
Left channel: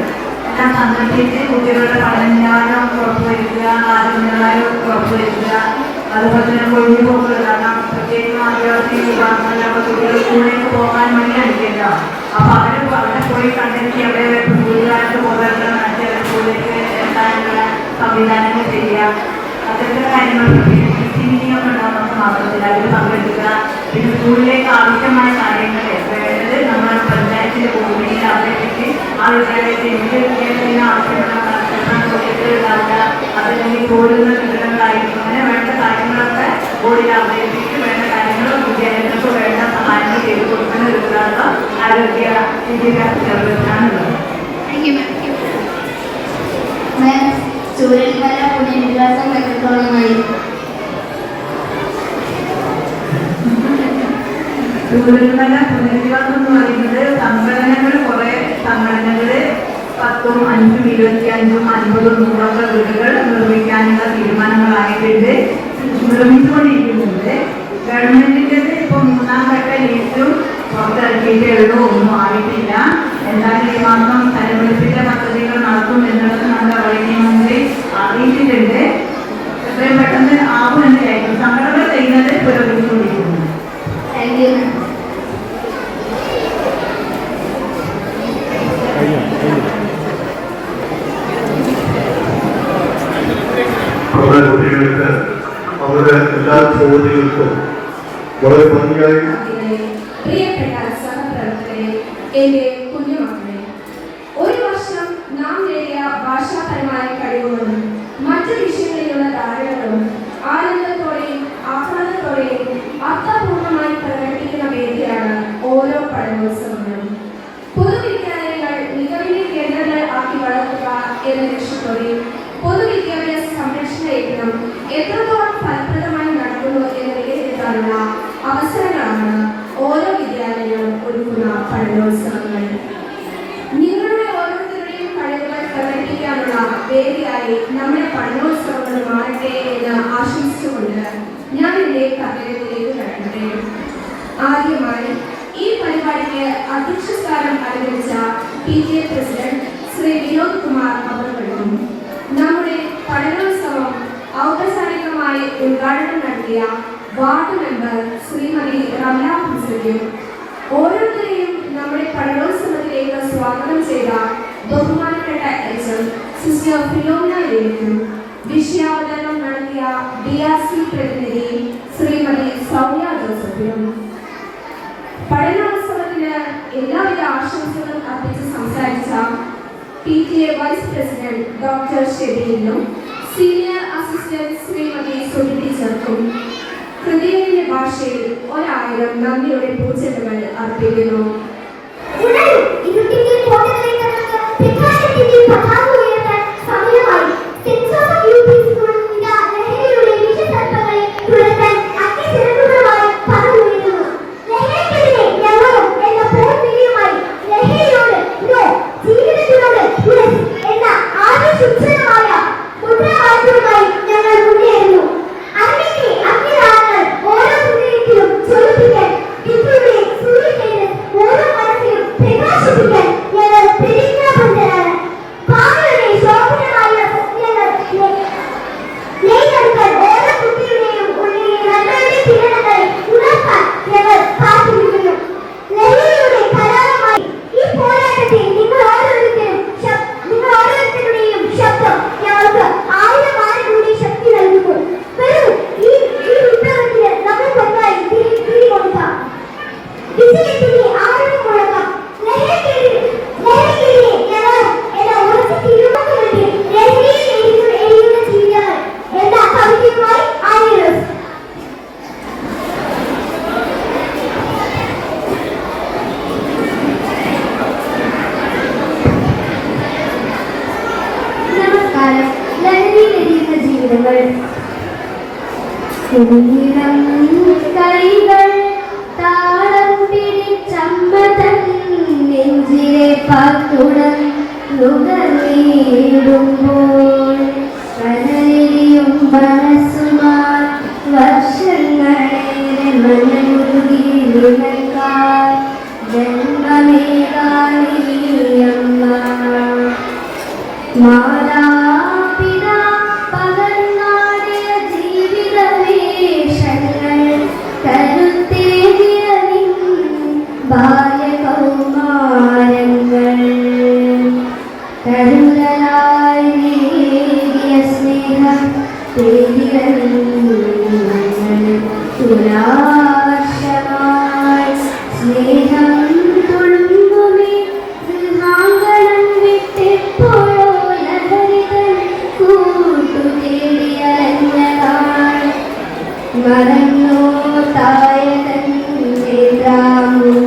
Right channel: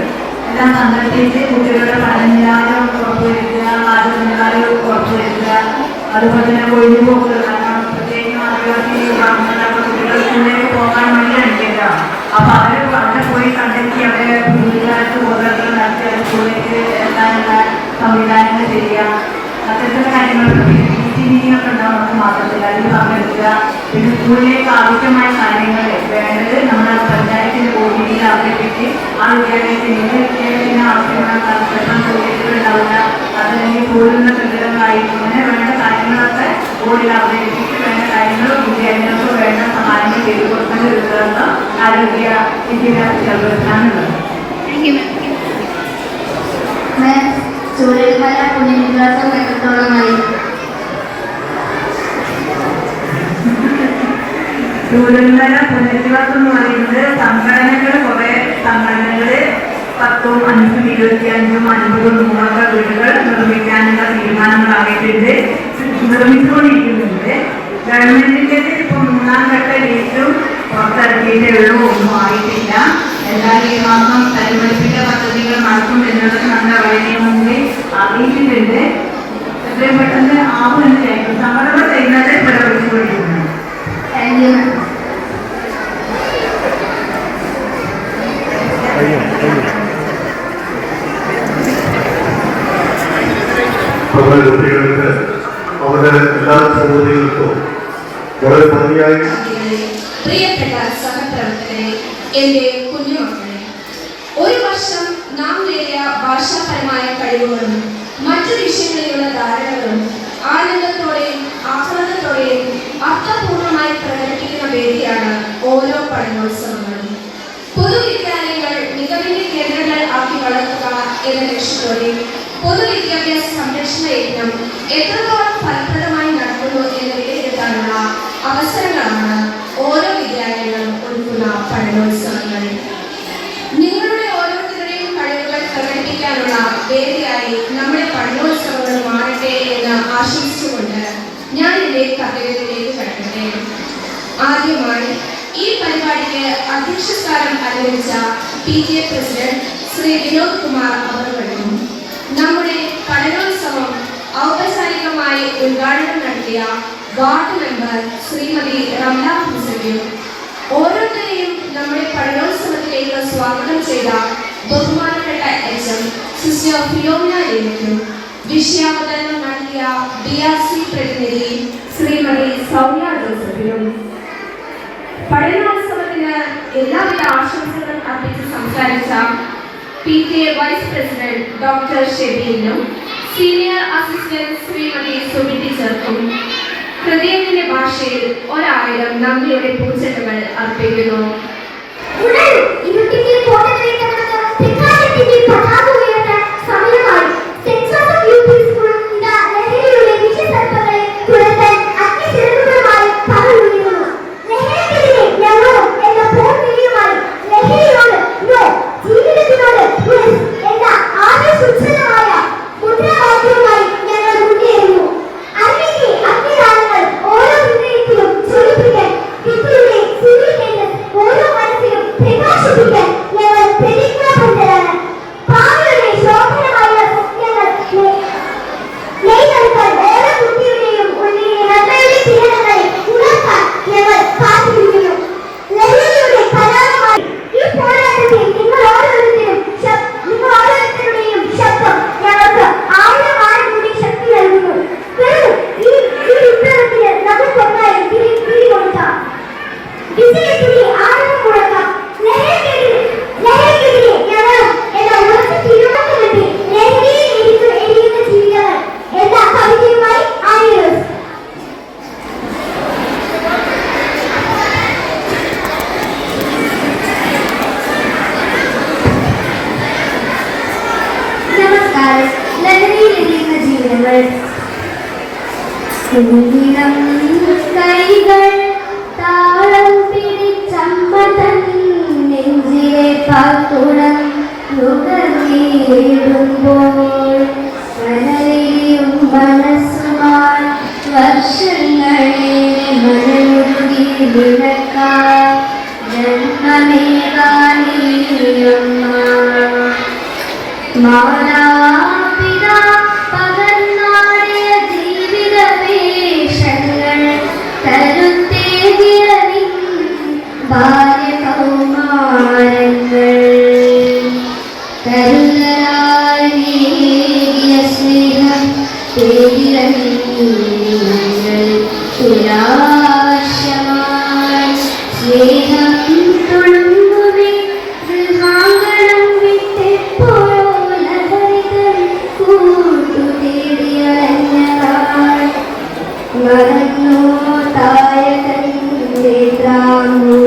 എല്ലാം സംഘടിപ്പിച്ച് കുട്ടികളുടെ പഠനനിലവാരം ഉറപ്പുവരുത്തുക, ആരോഗ്യനിലവാരം ഉറപ്പുവരുത്തുക. അതുപോലെ തന്നെ ഒഴിവുപോക്കുകൾ, കാരണം പ്രത്യേകിച്ച് ആദിവാസി വിഭാഗങ്ങളിലൊക്കെ കുട്ടികൾ സ്കൂളിലേക്ക് പോകാൻ വേണ്ടി അനുഭവിക്കുക. അപ്പോൾ അവിടെ പോയി കണ്ടെത്തി അവരെ പുതുകാലത്ത് ബോധവൽക്കരണം നടത്തി അവർ സ്കൂളിലേക്ക് എത്താനുള്ള സംവിധാനങ്ങൾ ചെയ്യുക. അത്തരത്തിലുള്ള കാര്യങ്ങളൊക്കെ പിന്നെ ടീച്ചിങ്ങൊക്കെ ഉണ്ടാകും നമുക്ക് മാത്രത്തിൽ അതിന് പങ്കെടുക്കുക. പിന്നെ സ്കൂളിലേക്ക് ആവശ്യമായ കാര്യങ്ങൾ വേണ്ടത് നമ്മുടെ പഞ്ചായത്തിൻ്റെ ഭൂമിയിൽ അവതരിപ്പിച്ച് ആ വിദ്യാലയത്തിൽ വിദ്യാലയത്തിന് ആവശ്യമായ ടോയ്ലറ്റുകൾ ഉണ്ടാവുക, അതല്ലെങ്കിൽ സ്കൂളിൻ്റെ കെട്ടിടങ്ങളായിരിക്കും. ഇങ്ങനെ വേണ്ട കാര്യങ്ങളൊക്കെ സ്കൂളിൽ അവതരിപ്പിച്ച് വേണ്ട കാര്യങ്ങൾ വിദ്യാലയങ്ങൾക്ക് വേണ്ട സഹായങ്ങൾ ചെയ്തു കൊടുക്കുന്ന ഒരു ഉത്തരവാദിത്തം ആരോഗ്യ വിദ്യാഭ്യാസ സർവീസിനാണുള്ളത്. ചൂരൽമല പുനരധിവാസം എത്രത്തോളമായി? ചൂരന്മല പുനരുദ്ധാരണം എന്ന് പറയുന്നത് സംഘടനകൾ, കുറെ സംഘടനകൾ 10ഉം 5ഉം 25ഉം 50ഉം 100ഒക്കെ വീടുകൾ നിർമ്മിക്കാനുള്ള തീരുമാനങ്ങളായിട്ടുണ്ട്, നിർമ്മിച്ചുകൊണ്ടിരിക്കുന്നുണ്ട്. ഗവൺമെന്റിൻ്റെത് ഇപ്പോൾ 3ാം ഘട്ട ലിസ്റ്റും പുറത്തിറക്കിയിട്ടേ ഉള്ളൂ, ഒന്നും ആയിട്ടില്ല. എന്നാൽ ഈ മാസം പരിപാലിപ്പിച്ച പദ്ധതികൾ നടത്തും എന്നുള്ളത് നമ്മുടെ വൈദ്യമന്ത്രി അറിയിച്ചിട്ടുണ്ട്. എത്രയും പെട്ടെന്ന് ആവുമെന്നായിരിക്കും സംഘടന ചെയ്യുന്നത് പുരോഗമിച്ചുകൊണ്ടിരിക്കുന്നു. Thank you ma'am. നമ്മുടെ കുട്ടികൾക്ക് അവരുടെ എല്ലാ ചോദ്യങ്ങൾക്കും വളരെ ഭംഗിയായി. പ്രിയപ്പെട്ട സഹപ്രവർത്തകരെ, എന്റെ കുഞ്ഞുമക്കളെ, ഒരു വർഷം നാം നേടിയ ഭാഷാപരമായ കഴിവുകളും മറ്റു വിഷയങ്ങളിലുള്ള ധാരണകളും ആനന്ദത്തോടെയും ആഹ്ലാദത്തോടെയും അർത്ഥപൂർണമായി പ്രകടിപ്പിക്കുന്ന വേദിയാണ് ഓരോ പഠനോത്സവങ്ങളും. പൊതുവിദ്യാലയങ്ങൾ മികവിന്റെ കേന്ദ്രങ്ങൾ ആക്കി വളർത്തുക എന്ന ലക്ഷ്യത്തോടെ പൊതുവിദ്യാഭ്യാസ സംരക്ഷണ യജ്ഞം എത്രത്തോളം ഫലപ്രദമായി നടക്കുന്നു എന്ന് വിലയിരുത്താനുള്ള അവസരങ്ങളാണ് ഓരോ വിദ്യാലയങ്ങളും ഒരുക്കുന്ന പഠനോത്സവങ്ങൾ. നിങ്ങളുടെ ഓരോരുത്തരുടെയും കഴിവുകൾ പ്രകടിപ്പിക്കാനുള്ള വേദിയായി നമ്മുടെ പഠനോത്സവങ്ങൾ മാറട്ടെ എന്ന് ആശംസിച്ചുകൊണ്ട് ഞാൻ എന്റെ കർത്തവ്യത്തിലേക്ക് കടക്കട്ടെ. ആദ്യമായി ഈ പരിപാടിക്ക് അധ്യക്ഷസ്ഥാനം അലങ്കരിച്ച PTA പ്രസിഡന്റ് ശ്രീ വിനോദ് കുമാർ അവர்களுം നമ്മുടെ പഠനോത്സവം ഔപചാരികമായി ഉദ്ഘാടനം നടത്തിയ വാർഡ് മെമ്പർ ശ്രീമതി റംല ഹുസൈനും ഓരോരുത്തരെയും നമ്മുടെ പഠനോത്സവത്തിലേക്ക് സ്വാഗതം ചെയ്ത ബഹുമാനപ്പെട്ട HM സിസ്റ്റർ ഫിയോമിന ലേക്കും വിഷയാവതരണം നടത്തിയ DRC പ്രതിനിധി ശ്രീമതി സൗമ്യ ജോസഫിനും പഠനോത്സവത്തിന് എല്ലാവിധ ആശംസകളും അർപ്പിച്ച് സംസാരിച്ച PTA വൈസ് പ്രസിഡന്റ് ഡോക്ടർ ഷെബീലിനും സീനിയർ അസിസ്റ്റന്റ് ശ്രീമതി സുബി ടീച്ചർക്കും ഹൃദയത്തിന്റെ ഭാഷയിൽ 1000 നന്ദിയുടെ പൂച്ചെണ്ടുകൾ അർപ്പിക്കുന്നു. കൈകൾ താളം പിടിച്ചമ്പതൻ നെഞ്ചിലെ പാക്കുടം നുകർന്നിടുമ്പോൾ കനലിയും മനസ്സുമായി വർഷങ്ങളേറെ മനമുരുകി നിലക്കാൻ ജന്മമേകാനിയമ്മ മാതാപിതാ പകർന്നാടിയ ജീവിത വേഷങ്ങൾ കരുത്തേകിയ നിൻ ബാല്യകൗമാരങ്ങൾ കരുതലായി നീകിയ സ്നേഹം തുലാവർഷമായി സ്നേഹം തുളുമ്പുമേ ഗൃഹാങ്കണം വിട്ടെപ്പോഴോ ലഹരിതൻ കൂട്ടു തേടിയറിഞ്ഞതാണ് മറന്നോ തായകന്റെ ദ്രാമോ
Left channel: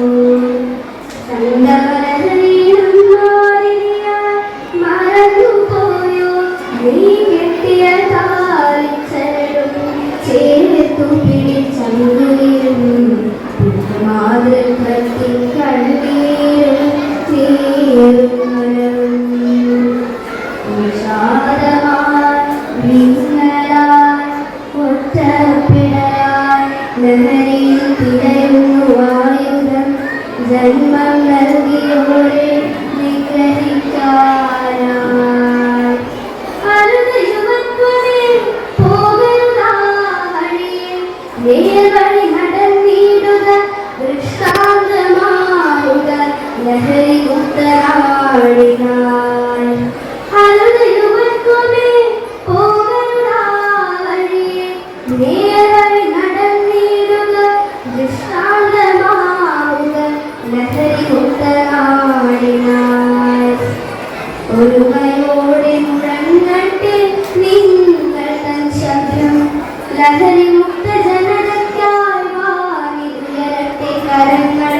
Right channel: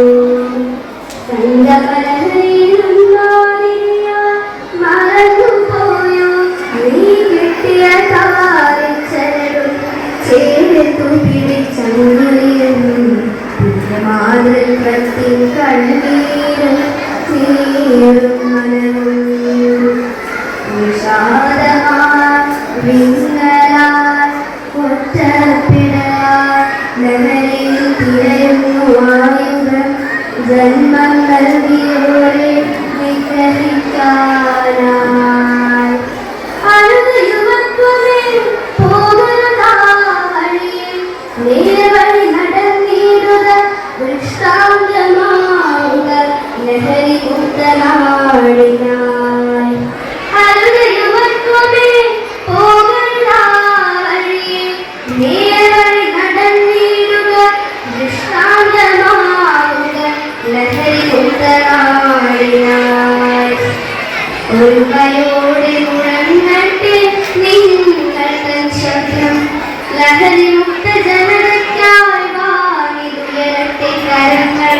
സംഗമലഹരിയിലും മാറിയ മറന്നുപോയോ നീ കിട്ടിയ താരിച്ചരും ചേർത്തു പിടിച്ചങ്ങുരി വിഷാദമായി വിങ്ങലായി ഒറ്റപ്പിടലായി ലഹരിയിൽ തിരയുന്നു ആയുധം ജന്മം നൽകിയോരെ നിഗ്രഹിക്കാനായി അരുത് യുവത്വമേ പോകുന്നതാഴിയിൽ നേർവഴി നടന്നിടുക ദൃഷ്ടാന്തമാവുക ലഹരി മുക്തനാടിനായി അരുത് യുവത്വമേ പോകുന്നതാഴിയിൽ നേർവഴി നടന്നിടുക ദൃഷ്ടാന്തമാവുക ലഹരി മുക്തനാടിനായി ഒരുമയോടെ മുഴങ്ങട്ടെ നിങ്ങൾ തൻ ശബ്ദം ലഹരി മുക്ത ജനതയ്ക്കായി വാങ്ങിലുയരട്ടെ കരങ്ങൾ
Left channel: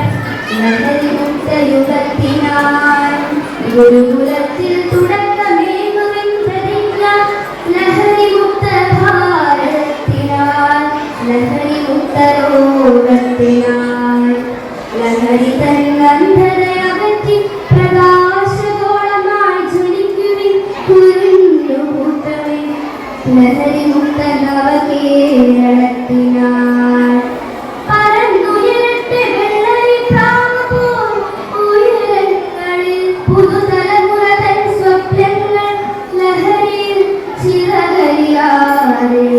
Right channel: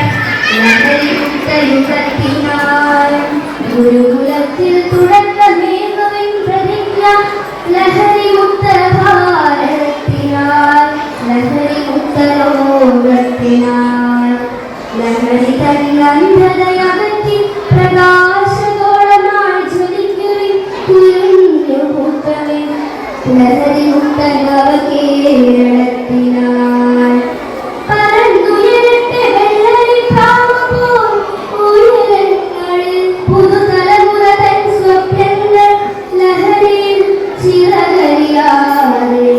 ലഹരി മുക്ത യുഗത്തിനായി ഗുരുകുലത്തിൽ തുടക്കമേകുവിൻ പ്രതിജ്ഞ ലഹരി മുക്ത ഭാരതത്തിനായി ലഹരി മുക്ത ലോകത്തിനായി ലഹരി തൻ അന്ധതയകറ്റി പ്രകാശഗോളമായി ജ്വലിക്കുവിൻ കുരുന്നു കൂട്ടവിൻ ലഹരി മുക്ത നവകേരളത്തിനായി പരന്നുയരട്ടെ വെള്ളരി പ്രാവുപോൽ ഉയരങ്ങളിൽ പുതുതലമുറ തൻ സ്വപ്നങ്ങൾ ലഹരിയിൽ ചിറകരിയാതെ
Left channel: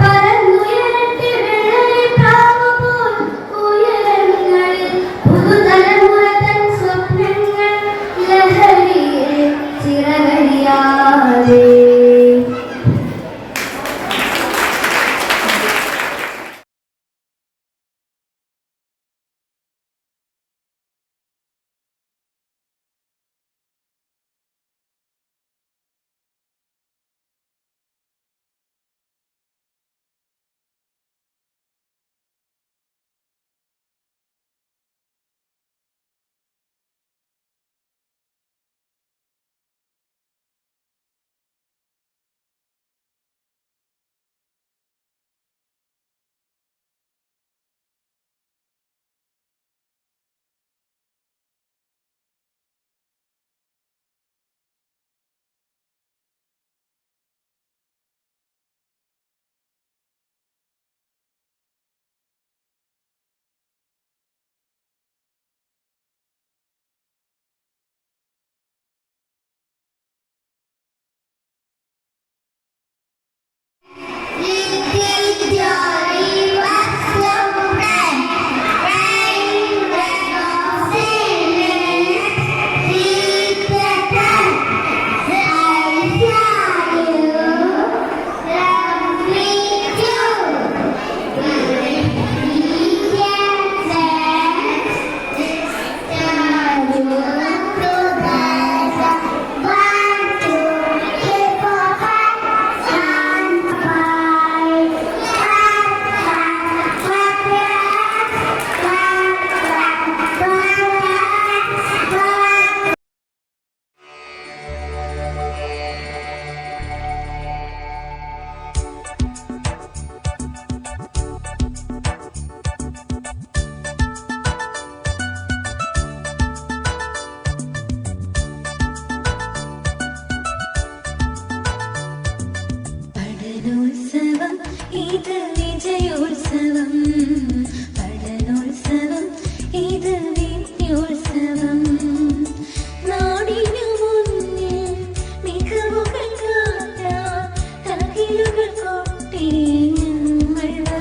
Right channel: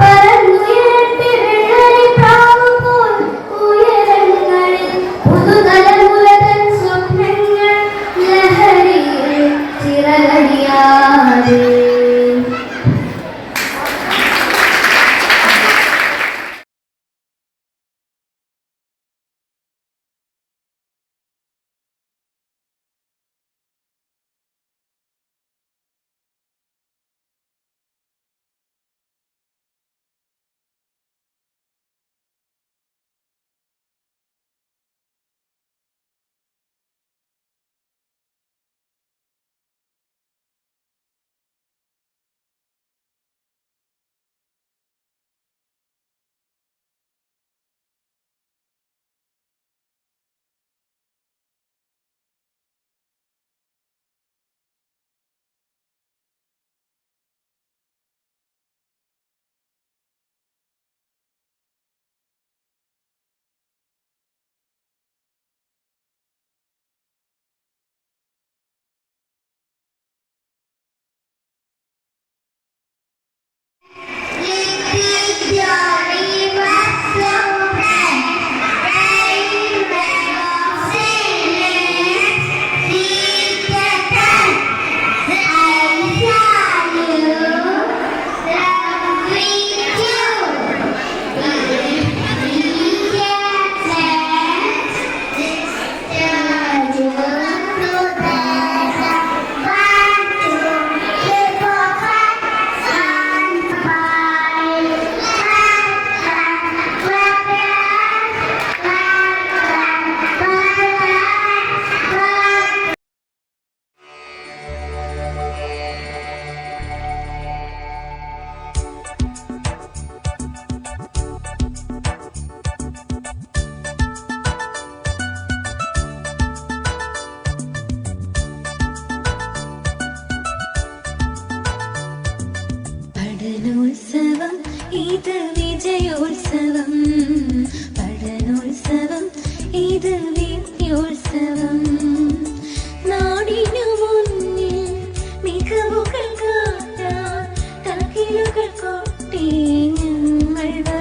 പരന്നുയരട്ടെ വെള്ളരി പ്രാവുപോൽ ഉയരങ്ങളിൽ പുതുതലമുറ തൻ സ്വപ്നങ്ങൾ ലഹരിയിൽ ചിറകരിയാതെ. പഠനോത്സവം ഇത് വിജയോത്സവം പഠനോത്സവം ഇത് വിദ്യോത്സവം നാടിനു മുന്നിൽ മികവുകൾ കാട്ടാൻ തകിലുകൾ കൊട്ടി ഞങ്ങൾ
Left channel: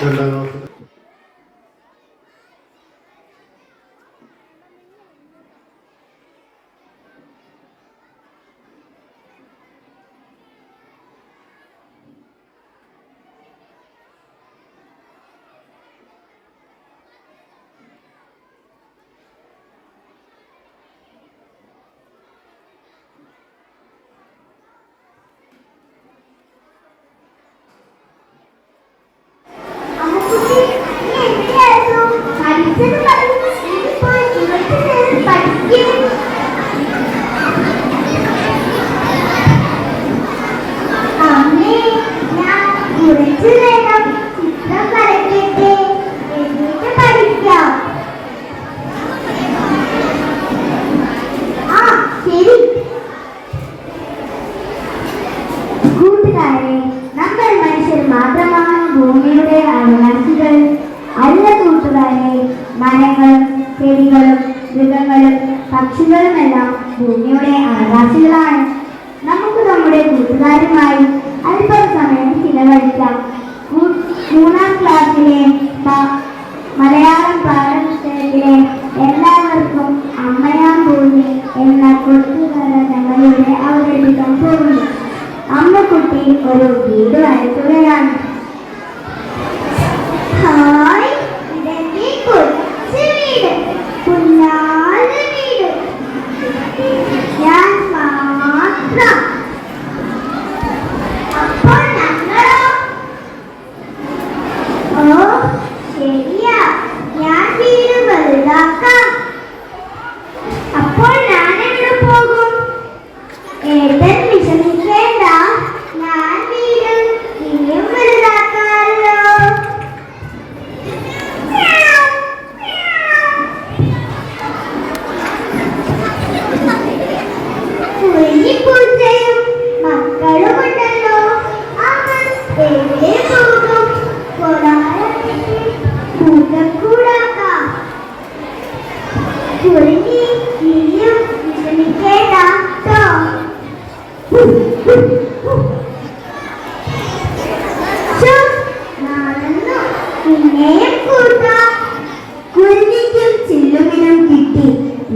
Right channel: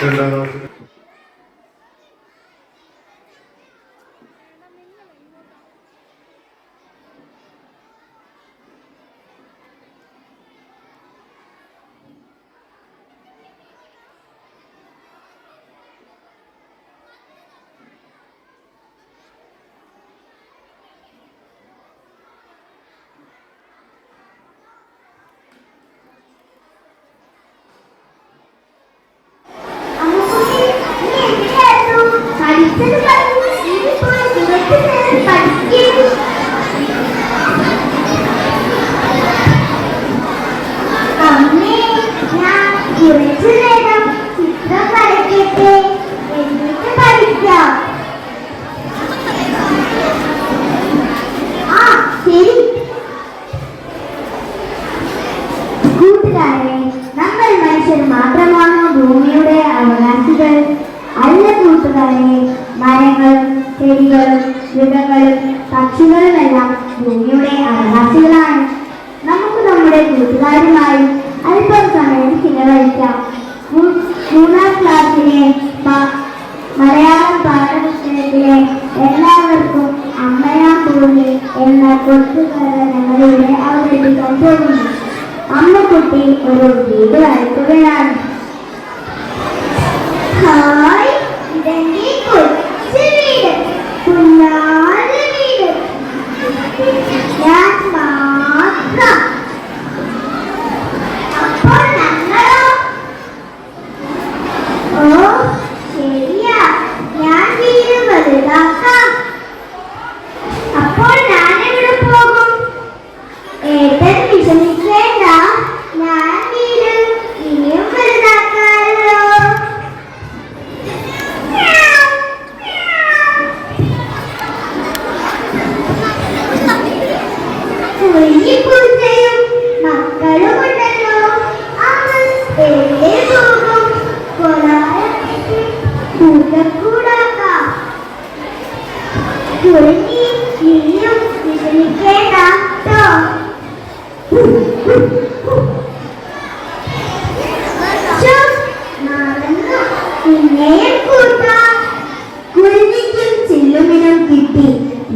പക്ഷികളുമെല്ലാം ഭൂമിയുടെ അവകാശികളാണ്. നമുക്ക് നമ്മുടെ കൂട്ടുകാരുമായി അല്പം സമയം ചിലവഴിക്കാം. 3ാം ക്ലാസ്സിലെ മലയാളം പാഠപുസ്തകത്തിലെ എല്ലാവർക്കും അമ്മയാം ഭൂമി എന്ന കൊച്ചുകഥ ഞങ്ങളിവിടെ അവതരിപ്പിക്കാൻ പോകുന്നു. അമ്മക്കുട്ടി ഒരു വീട് വരയ്ക്കുകയാണ്. ഹായ്, ഇതെന്റെ കൊച്ചു വീട്, കുഞ്ഞാറ് വീട്, ഞാൻ മാത്രം. അപ്പോൾ ഞങ്ങളോ? ഓ ശരിയാ, ഞാൻ വീട് വലുതാക്കാം. അപ്പോൾ ഞാൻ എവിടെ പോകും? ഏട്ടൻ വിഷമിക്കേണ്ട, ഞാൻ വീട് ഇനിയും വലുതാക്കാമല്ലോ. കുഞ്ഞിക്കുഞ്ഞയും മക്കളുമുണ്ടല്ലോ, അവർ എവിടെ പോകും? കൊലാരത്തേക്ക് കൂട്ടക്കൂടാക്കാം. കുഞ്ഞി ഇനിയും വിഷമിക്കേണ്ട ട്ടോ. നടന്നു കുഞ്ഞയെ കൂട്ടാം. കുഞ്ഞിക്കും ചില്ലുമിനും കിട്ടി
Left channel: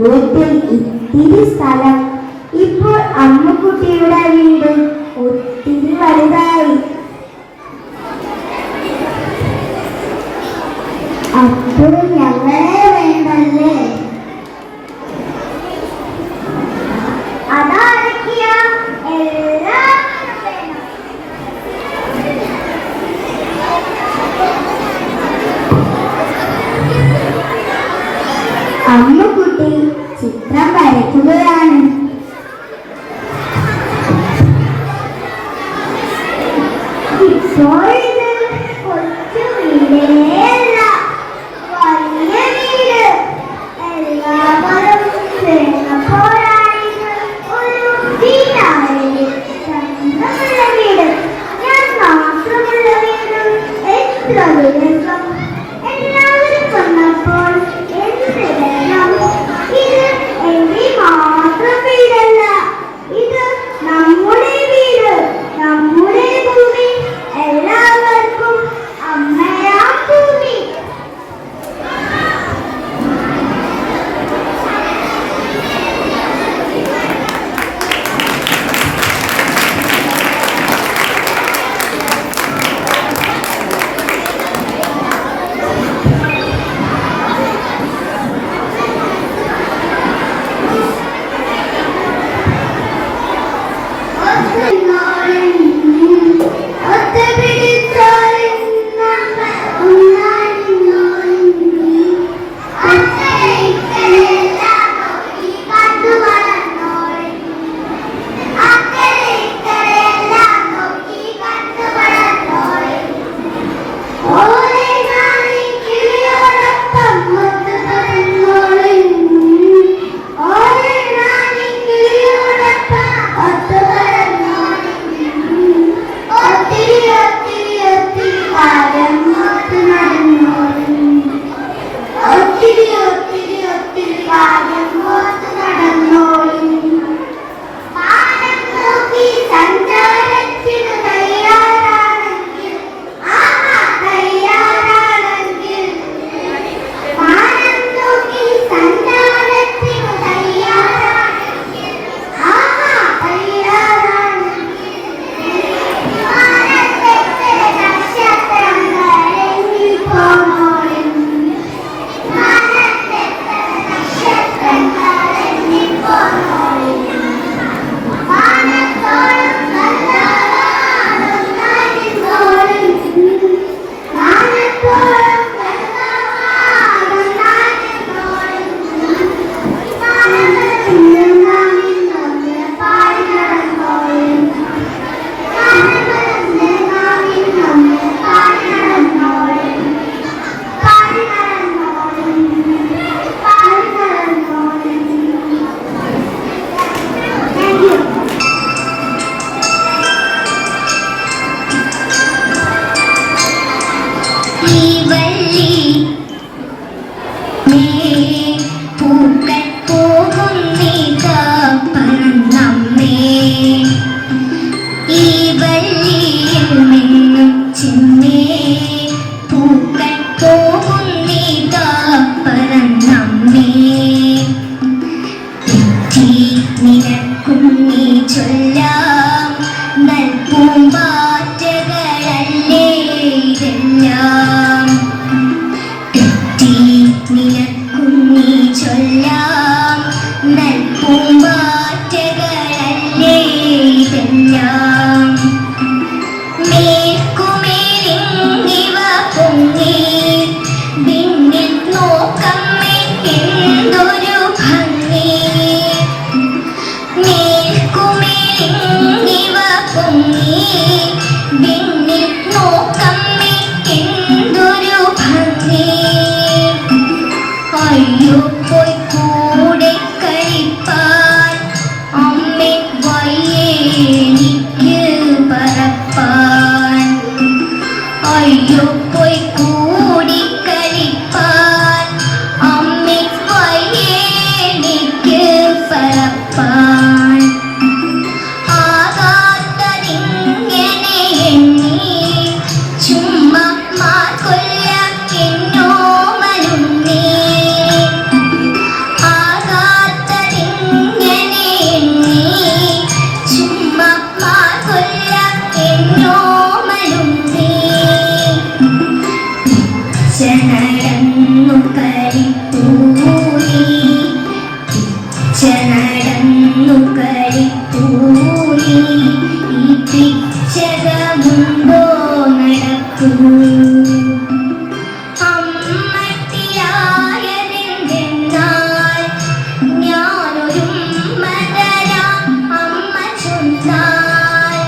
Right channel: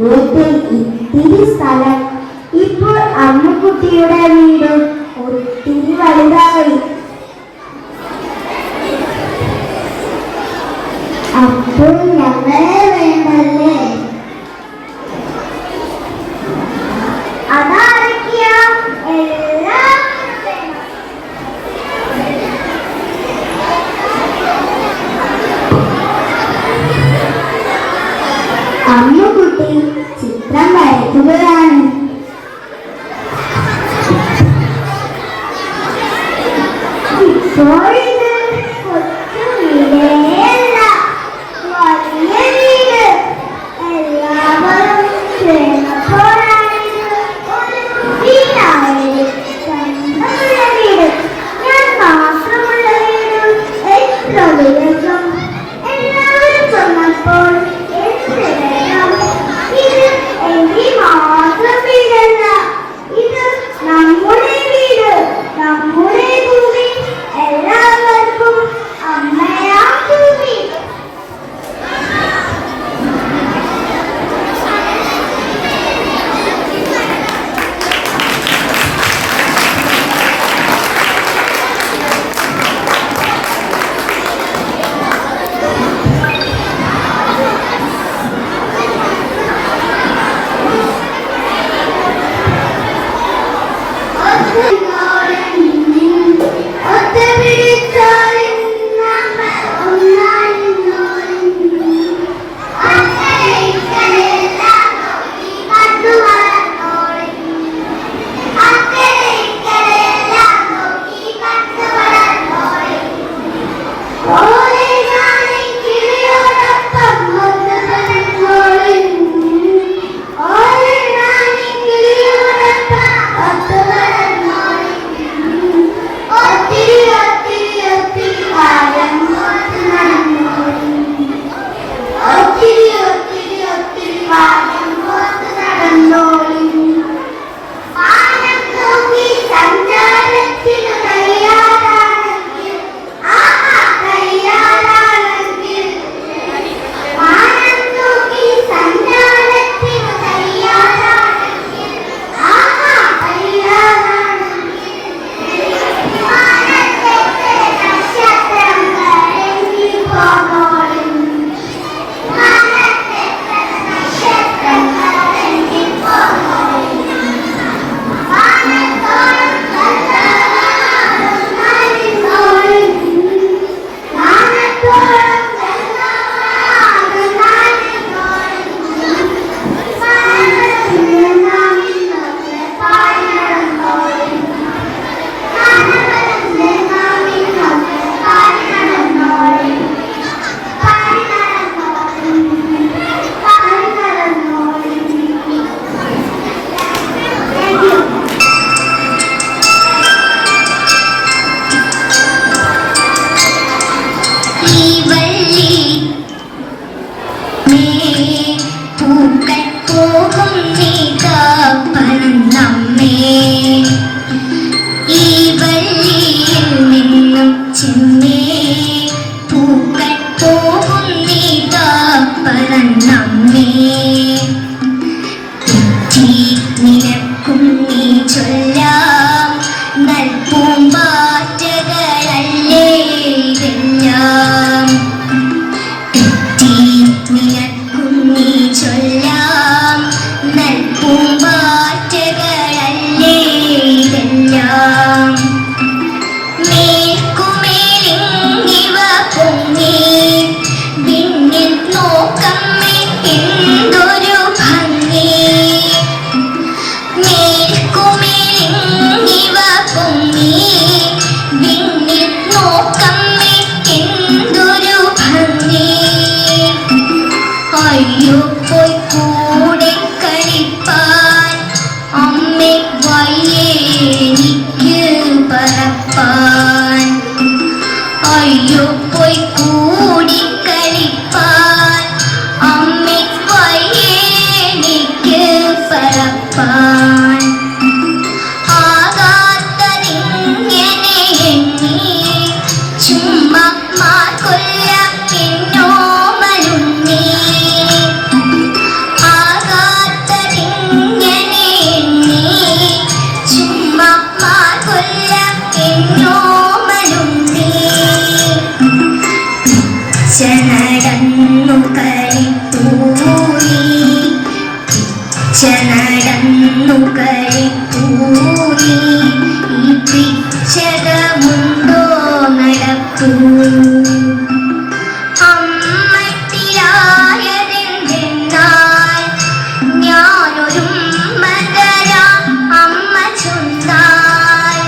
വീട്ടിൽ ഇത്തിരി സ്ഥലം. ഇപ്പോൾ അമ്മക്കുട്ടിയുടെ വീട് ഒത്തിരി വലുതായി. അപ്പോൾ ഞങ്ങളെ വേണ്ടല്ലേ? അതാരൊക്കെയാ? എല്ലാം വേണം. അമ്മക്കുട്ടി ചിത്രം വരയ്ക്കുകയാണ്. ഇപ്പോൾ ഇത് കൊച്ചു വീടേയല്ല, വലിയ നമ്മേ തെറ്റി നിനക്കും നീ ചൊല്ലാം നൽപൂമ്പാറ്റകളല്ലേ ഇതെല്ലാം തെറ്റി നിനക്കും നീ ചൊല്ലാം നൽപൂമ്പാറ്റകളല്ലേ ഇതെല്ലാം മേൽക്കുമേലിങ്ങിവ പൊങ്ങി വിണ്ണിൽ നോക്കമ്മേ എന്തൊരു ഭംഗി മേൽക്കുമേലിങ്ങിവ പൊങ്ങി വിണ്ണിൽ നോക്കമ്മേ എന്തൊരു ഭംഗി അയ്യോ പോയി കൂടെ കളിപ്പാൻ അമ്മേ വയ്യേ എനിക്ക് പറപ്പാൻ അയ്യോ പോയി കൂടി കളിപ്പാൻ അമ്മേ വയ്യേ എനിക്ക് പറപ്പാൻ ആകാത്തതിങ്ങനെ എണ്ണി ചുമ്മാ മാർക്കൊല്ല എന്നോമലുണ്ണി ആകാത്തതിങ്ങനെ എണ്ണി ചുമ്മാ മാർക്കൊല്ല എന്നോമലുണ്ണി നടന്നു കളിപ്പൂരി നടന്നു കളിപ്പൂരി ഈ പിച്ചകമുണ്ടോ നടപ്പൂ അമ്മട്ടിയായതെന്തെന്നാൽ ഞാനൊരു മകരാം അമ്മ ചൊന്നാൽ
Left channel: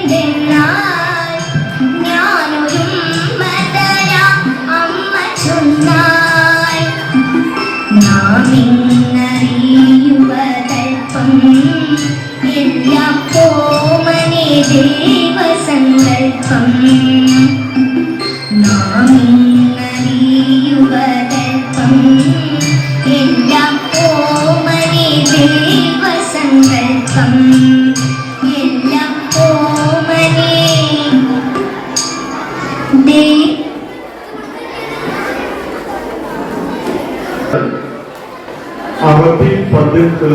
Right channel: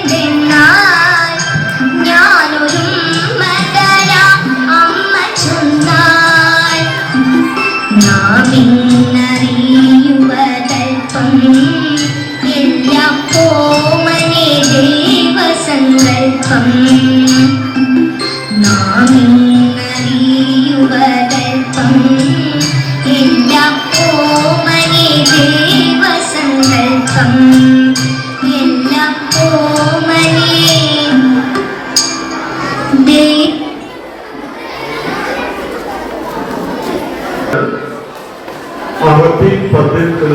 അമ്മട്ടിയായതെന്തെന്നാൽ ഞാനൊരു മകരാം അമ്മ ചൊന്നാൽ നാമിന്നറിയുവതൽപ്പം എല്ലാം ഓമനെ ദൈവസങ്കൽപ്പം നാമിന്നറിയുവതൽപ്പം എല്ലാം ഓമനെ ദൈവസങ്കൽപ്പം എല്ലാം ഓമനെ അറബി പദ്യത്തിൽ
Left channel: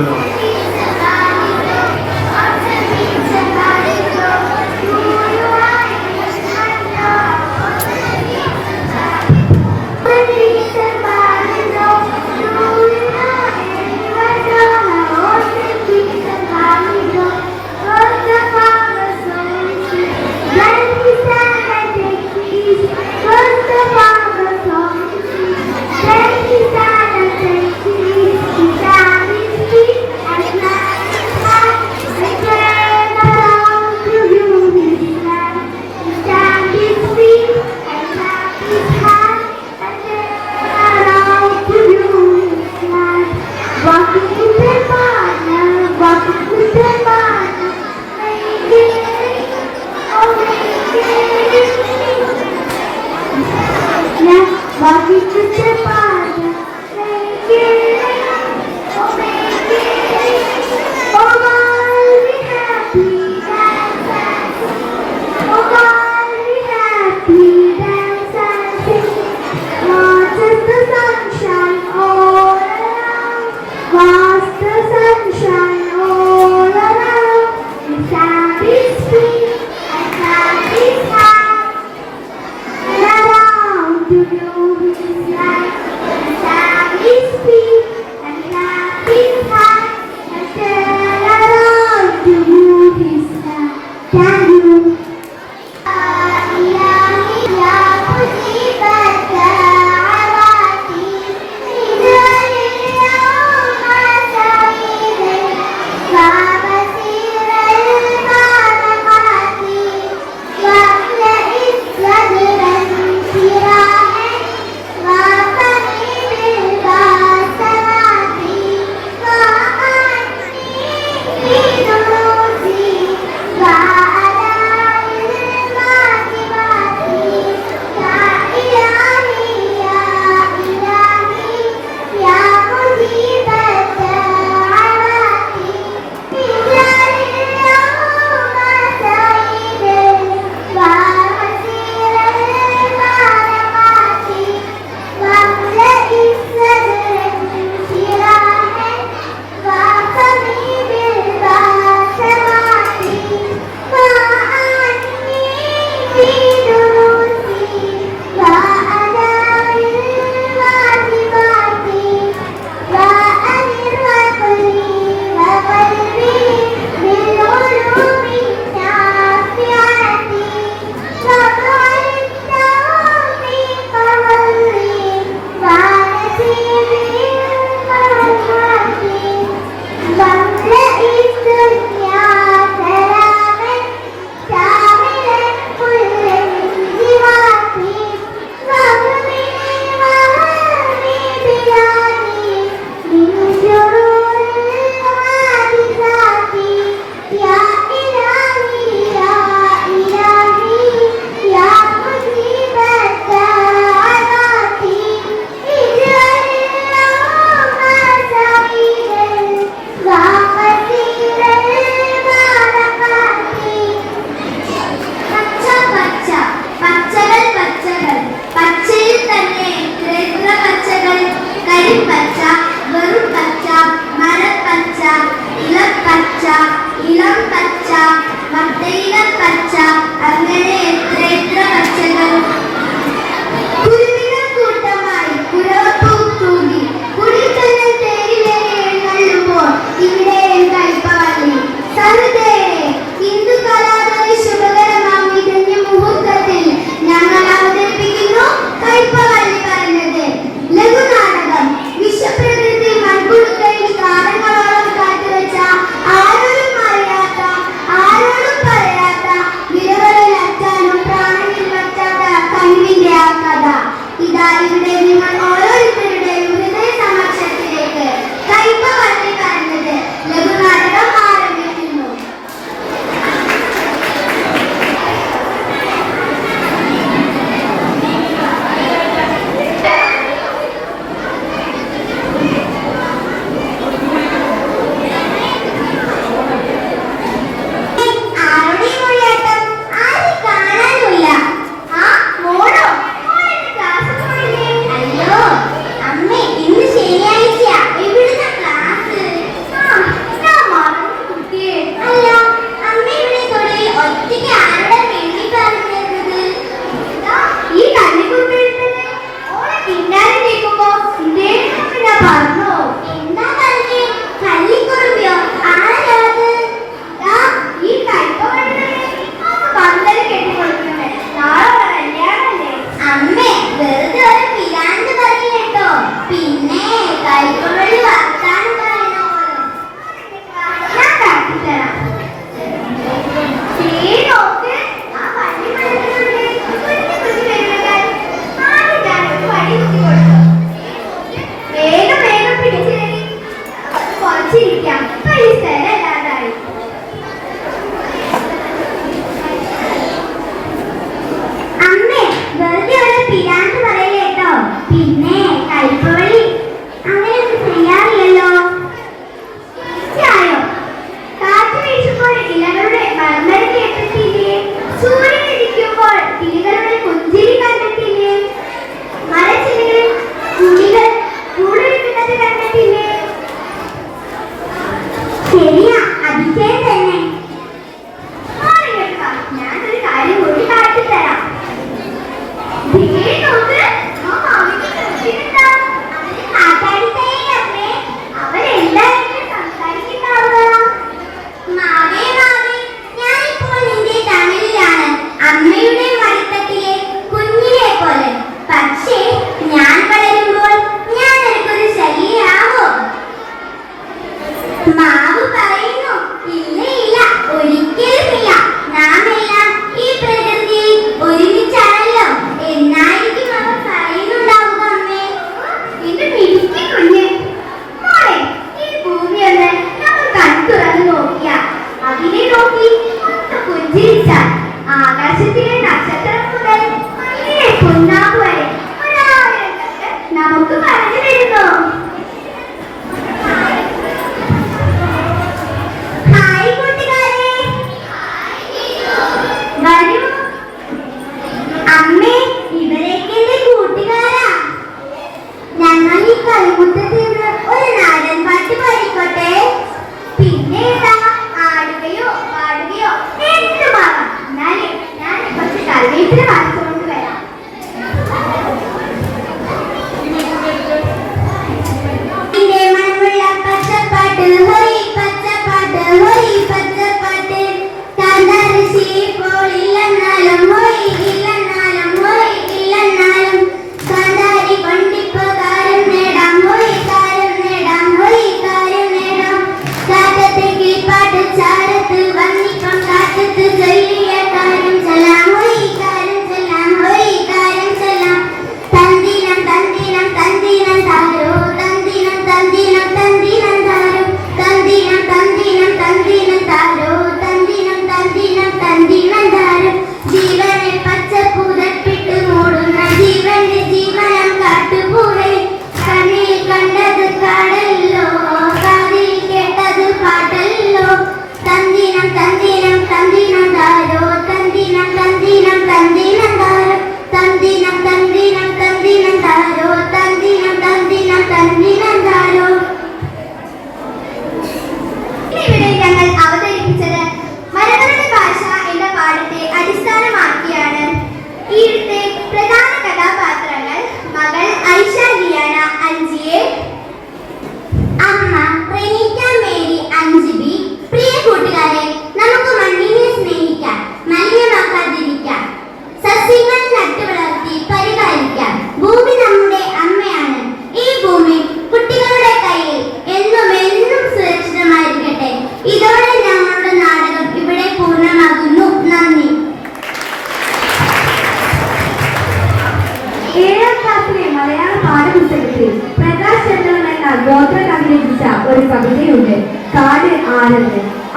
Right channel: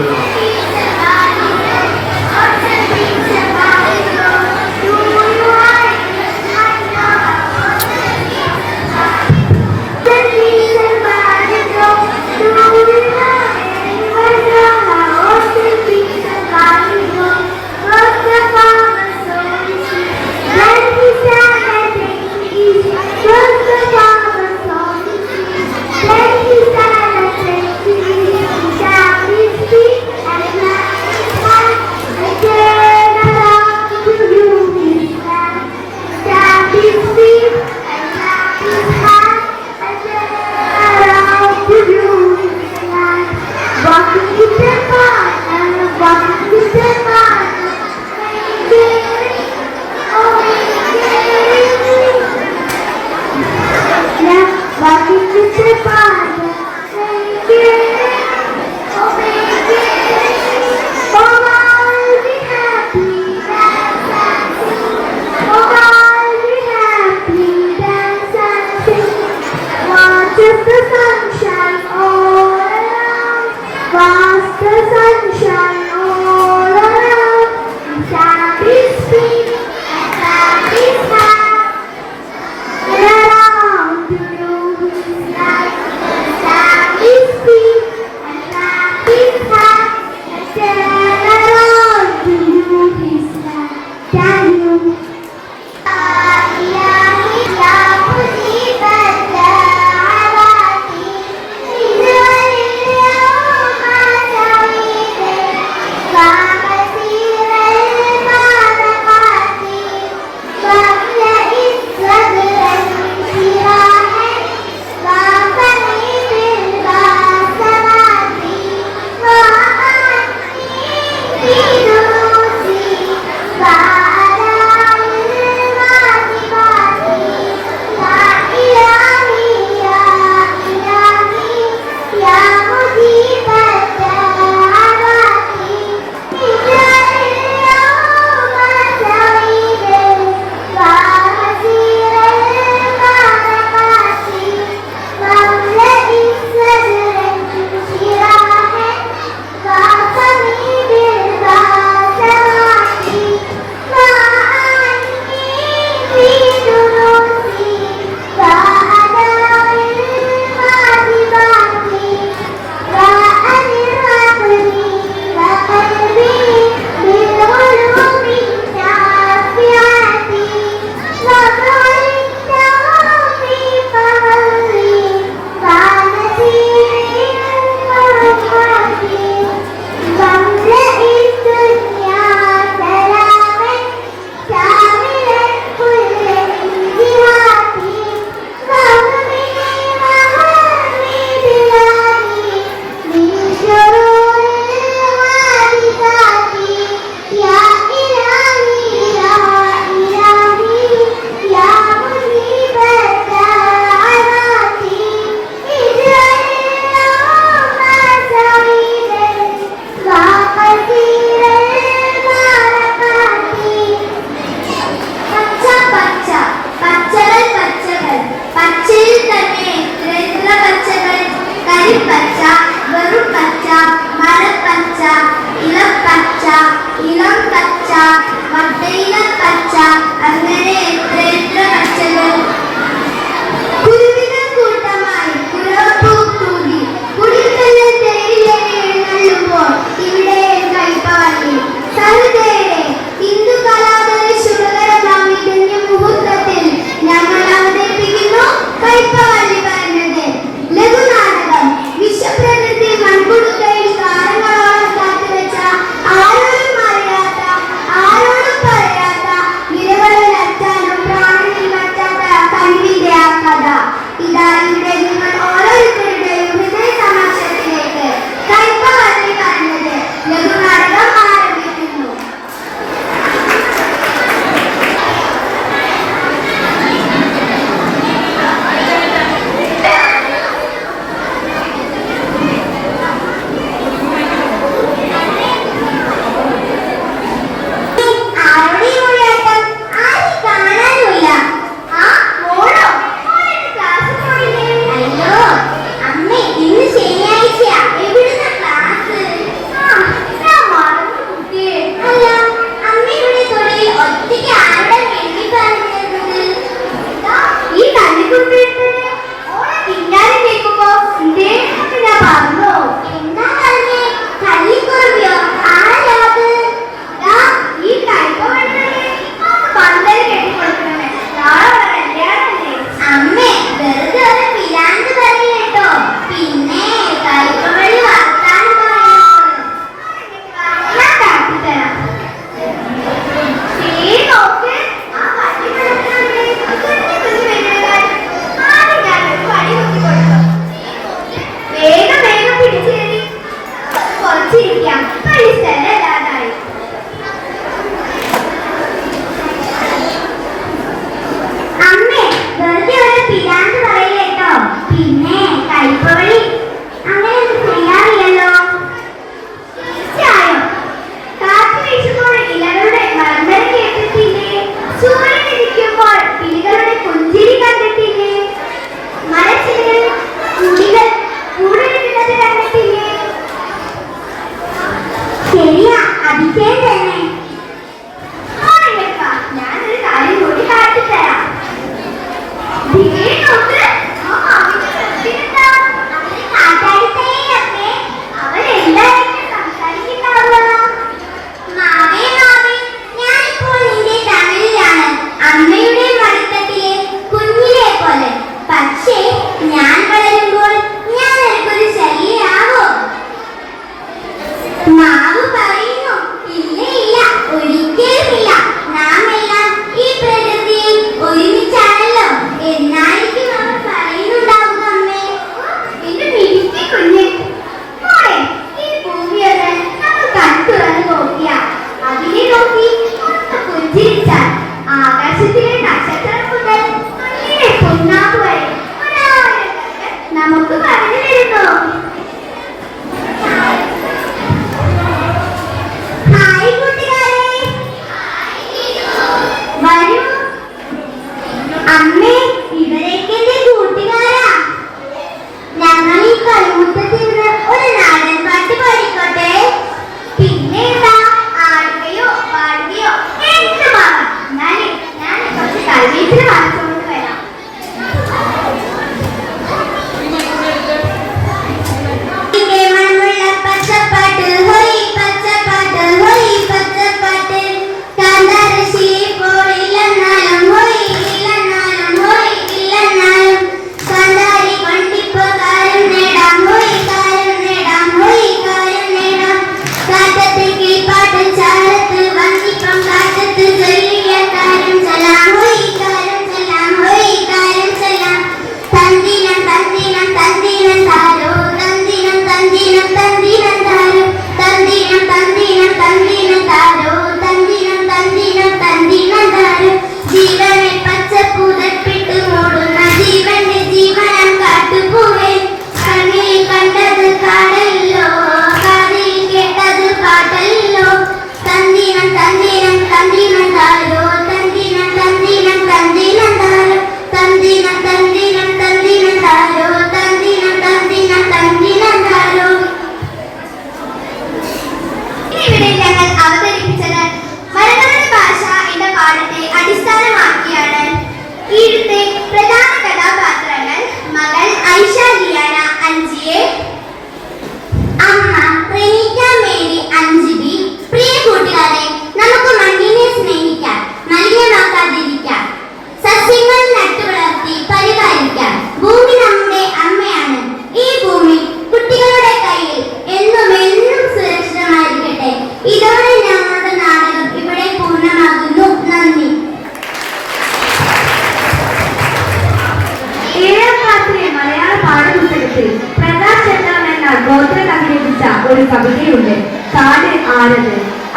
ഒരു കവിതയുണ്ട്, കാട് ആനത്.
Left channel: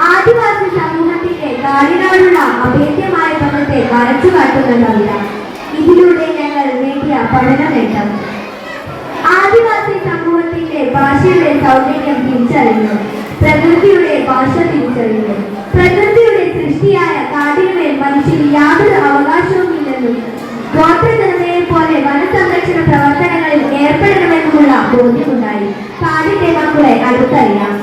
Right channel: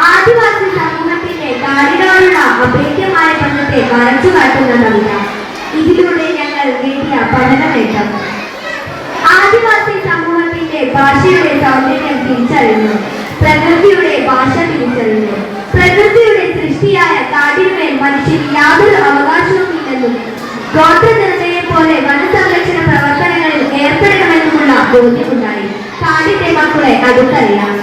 ആദിവാസി സമൂഹത്തിന്റെ കാടിനോടുള്ള അഭേദ്യമായ ബന്ധത്തെ വരച്ചു കാട്ടുന്ന കവിത. ഇതിലൂടെ ഞങ്ങൾ നേടിയ പഠന നേട്ടം. ആദിവാസി സമൂഹത്തിന്റെ ഭാഷയുടെ സൗന്ദര്യം തിരിച്ചറിഞ്ഞു, പ്രകൃതിയുടെ ഭാഷ തിരിച്ചറിഞ്ഞു. പ്രകൃതിയുടെ സൃഷ്ടിയായ കാടിനുമേൽ മനുഷ്യന് യാതൊരു അവകാശവുമില്ലെന്നും ഗോത്രജനതയെ പോലെ വനസംരക്ഷണ പ്രവർത്തനങ്ങളിൽ ഏർപ്പെടണമെന്നുമുള്ള ബോധ്യമുണ്ടായി. കാടിന്റെ മക്കളെ അടുത്തറിയാം.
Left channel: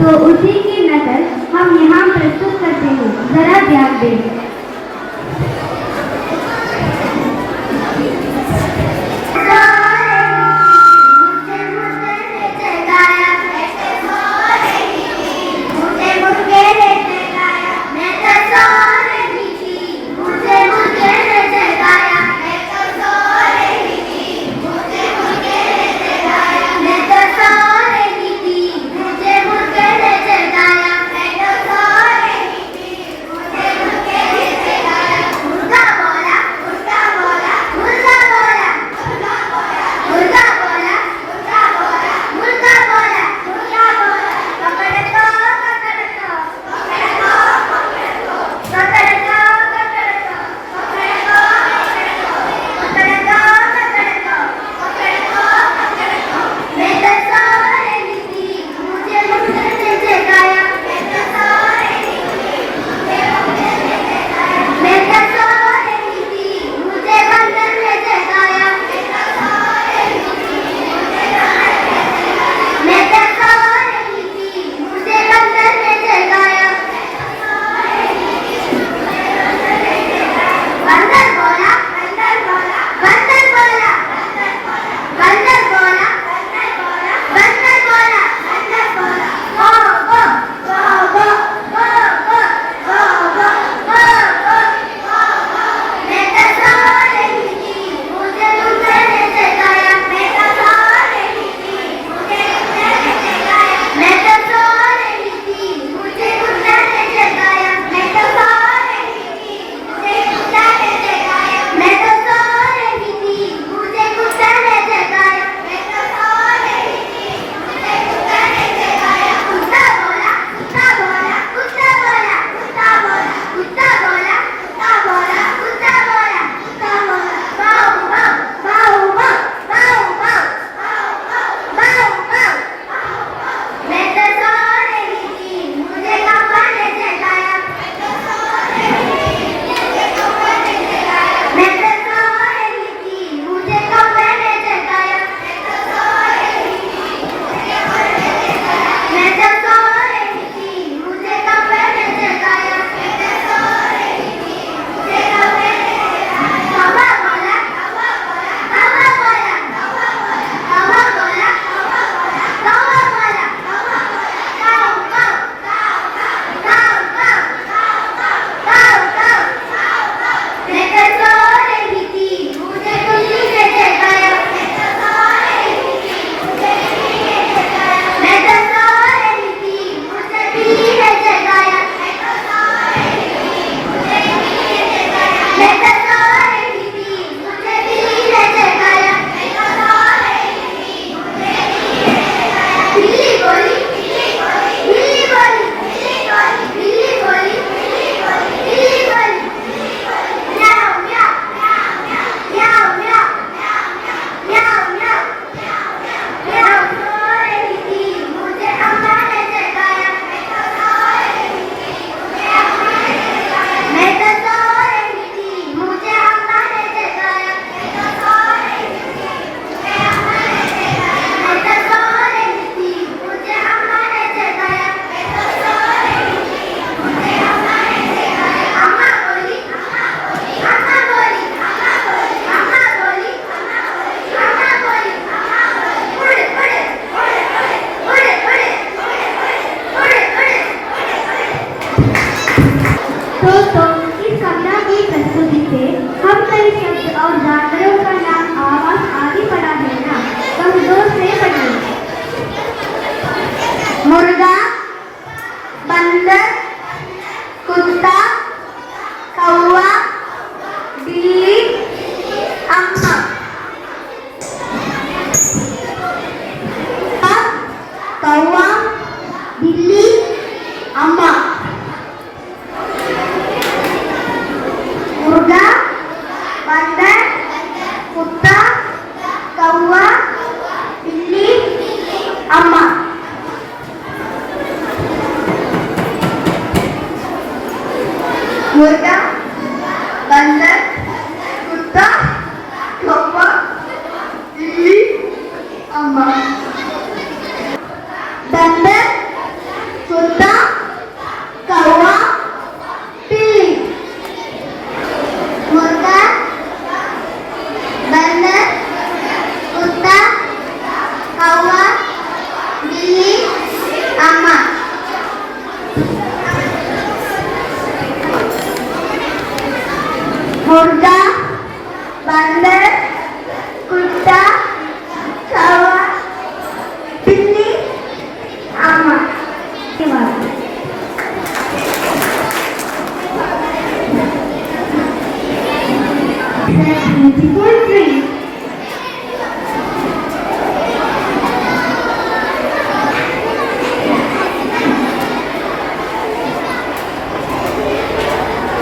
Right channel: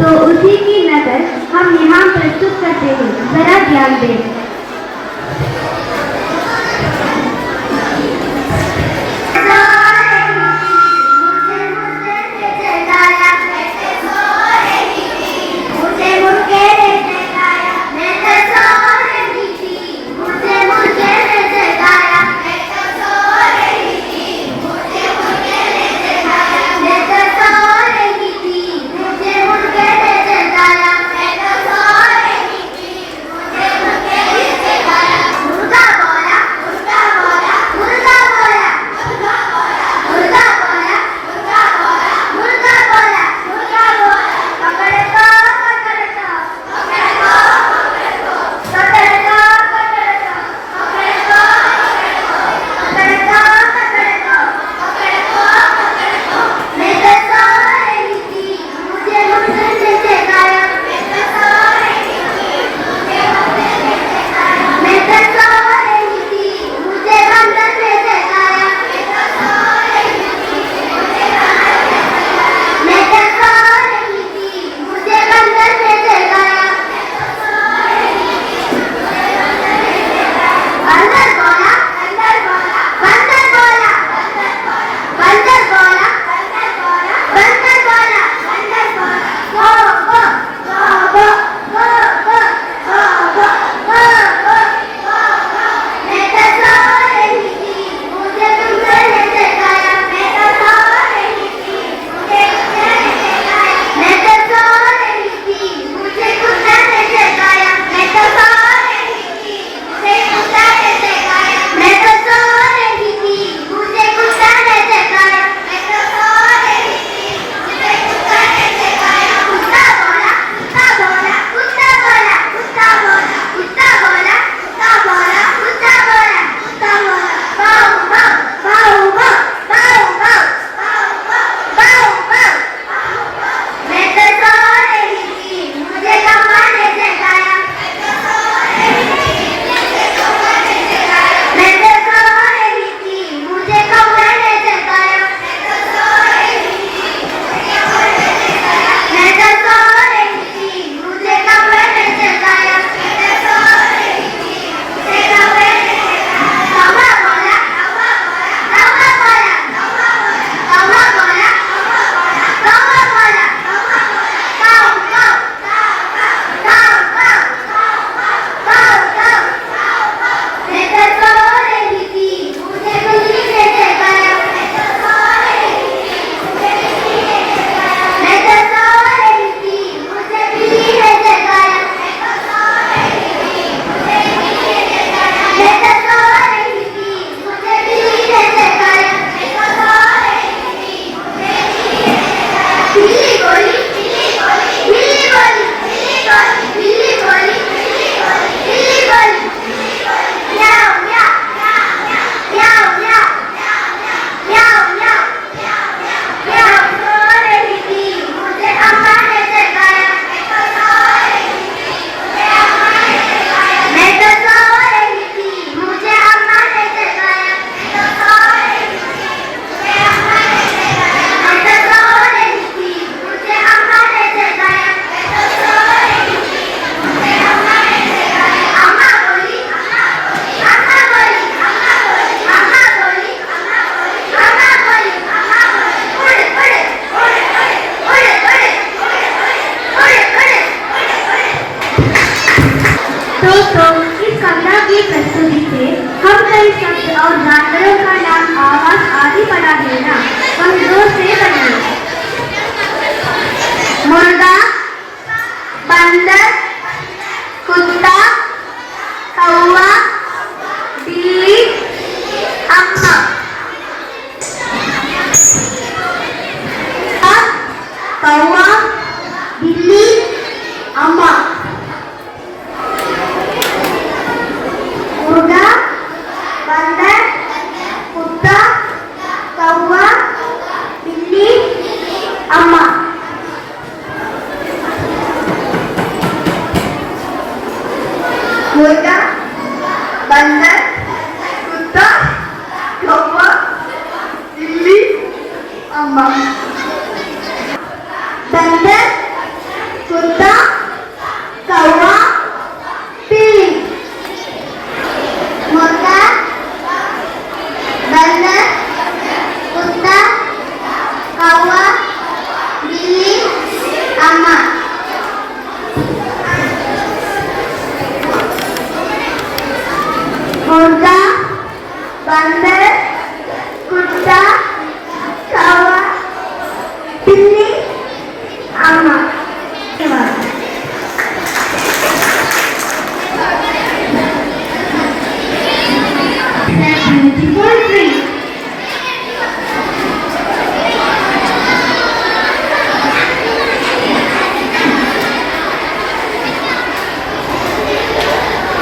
तो उसी की नकल हम यहाँ प्रस्तुत करते हैं, जरा ध्यान दें।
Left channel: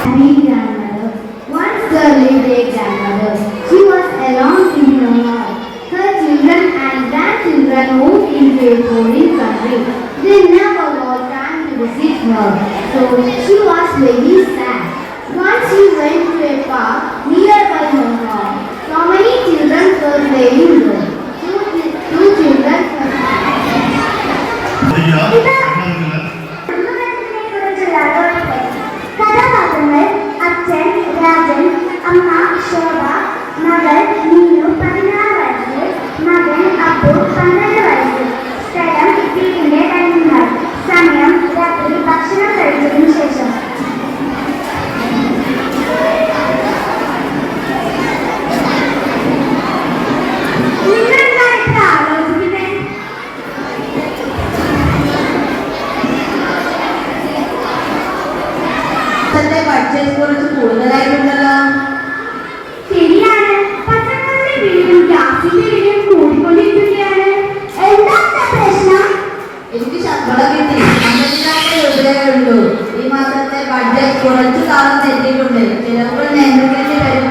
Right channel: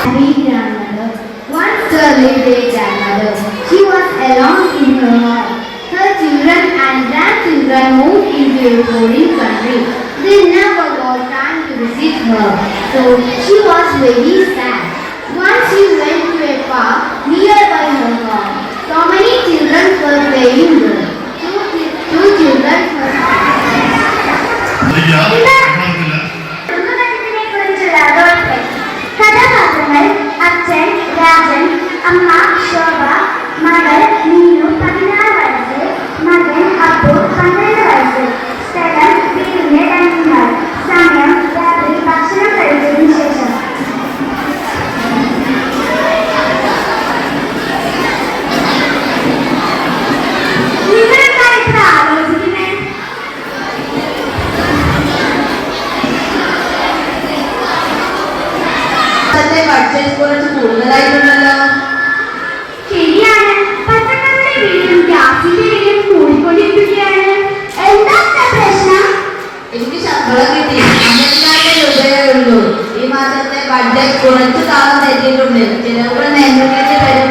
happy grandmother. Once there lived a grandmother. She was alone in her home. Her children and grandchildren moved into a foreign country. They never got time to visit her, so she was very sad. Once she went to a park nearby her home. So many children were playing there. Two children were കഥാപാത്രങ്ങൾ അച്ഛൻ രാജൻ, അമ്മ ശോഭ, മകൾ നീനു 16 വയസ്സ്, മകൻ അപ്പു 12 വയസ്സ്. സ്ഥലം വീടിന്റെ dining hall. സമയം രാത്രി ഭക്ഷണം കഴിച്ചതിനു ശേഷം. നിങ്ങളെന്താണ് ഇത്ര ആലോചിക്കുന്നത്? ബഡ്ജറ്റ് കുറച്ച് കൂടുതലായിട്ടുണ്ടല്ലോ. ശരിയാണ്. പച്ചക്കറിയുടെ വിലയും ഗ്യാസിന്റെ വിലയും കൂടിക്കൊണ്ടിരിക്കുകയാണ്. എന്താ പ്രശ്നം? എനിക്ക് ശമ്പളം കിട്ടി 12,000 രൂപയേ ഉള്ളൂ. ഈ മാസത്തെ ബഡ്ജറ്റ് കുറച്ച് താളം തെറ്റിയിട്ടുണ്ട്. ചിലവുകൾ നേരിട്ട് തരും.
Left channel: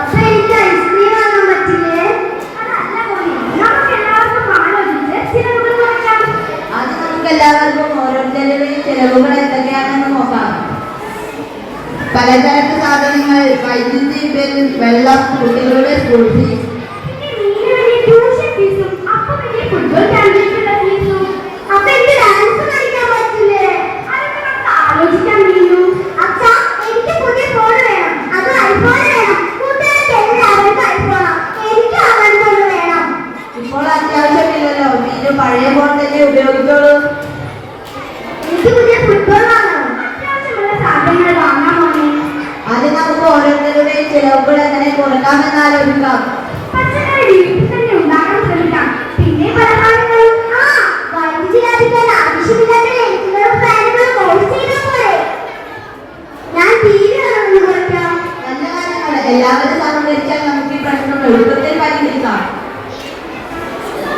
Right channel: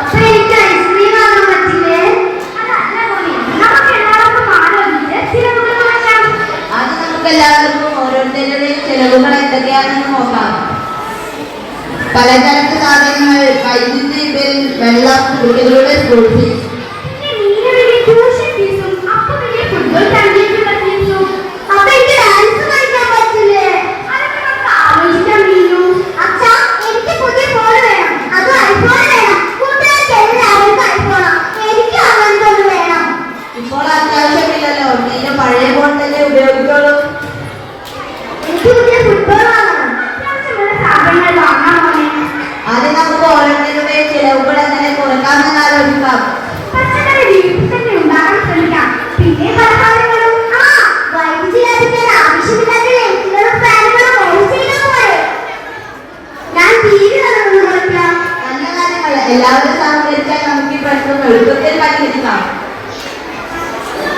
അപ്പൊ എനിക്ക് ഐസ്ക്രീം വാങ്ങാൻ പറ്റില്ലേ? അതല്ല മോനെ, നമുക്ക് എല്ലാവർക്കും ആലോചിച്ച് ചിലവുകൾ മാറ്റാം. അത് നമുക്ക് എല്ലാവർക്കും ഓരോരുത്തരുടെയും ചിലവുകൾ എന്തൊക്കെയാണെന്ന് നോക്കാം. പലചരക്ക് സാധനങ്ങൾ, വൈദ്യുതി ബിൽ, വെള്ളം, കുട്ടികളുടെ സ്കൂൾ ഫീസ്. പിന്നെ നീലയുടെ ട്യൂഷൻ ഫീസും അപ്പുവിന്റെ ഫുട്ബോൾ ചാമ്പ്യൻഷിപ്പ് ഫീസും. അപ്പൊ എനിക്ക് ഡാൻസ് കളിക്കാൻ പറ്റില്ലേ? അതൊക്കെ നമുക്ക് ആലോചിക്കാം നീലു. അച്ഛാ, എനിക്ക് പുതിയ ഫോൺ വേണം. അത് ഐഫോൺ വേണം. കൂട്ടുകാർക്ക് എല്ലാവർക്കും ഐഫോണാ. എനിക്ക് അങ്ങനത്തെ ഒന്ന് വേണം. ഇപ്പോൾ അത്യാവശ്യമില്ലല്ലോ. നീര് പഴയ ഫോൺ തന്നെ ഉപയോഗിക്കുള്ളൂ. എനിക്ക് പുതിയ ഫുട്ബോൾ വാങ്ങണം. അത്യാവശ്യമുള്ള സാധനങ്ങൾ വാങ്ങാൻ മോനെ. ആദ്യം നമുക്ക് ഓരോരുത്തരുടെയും ചിലവുകൾ എങ്ങനെ കുറയ്ക്കാമെന്ന് ആലോചിക്കാം. പച്ചക്കറി വീട്ടിൽ തന്നെ ഉണ്ടാക്കാൻ ശ്രമിക്കാം. പിന്നെ പലഹാരങ്ങളും. വൈദ്യുതി ലാഭിക്കാൻ ആവശ്യമില്ലാത്ത ലൈറ്റുകളും ഫാനുകളും ഓഫ് ചെയ്താൽ പോരെ. ഞാൻ TV കാണുന്നത് കുറയ്ക്കാം. നല്ല കാര്യങ്ങൾ എല്ലാവരും സഹകരിച്ചാൽ നമുക്ക് ഈ പ്രശ്നം എളുപ്പത്തിൽ പരിഹരിക്കാം.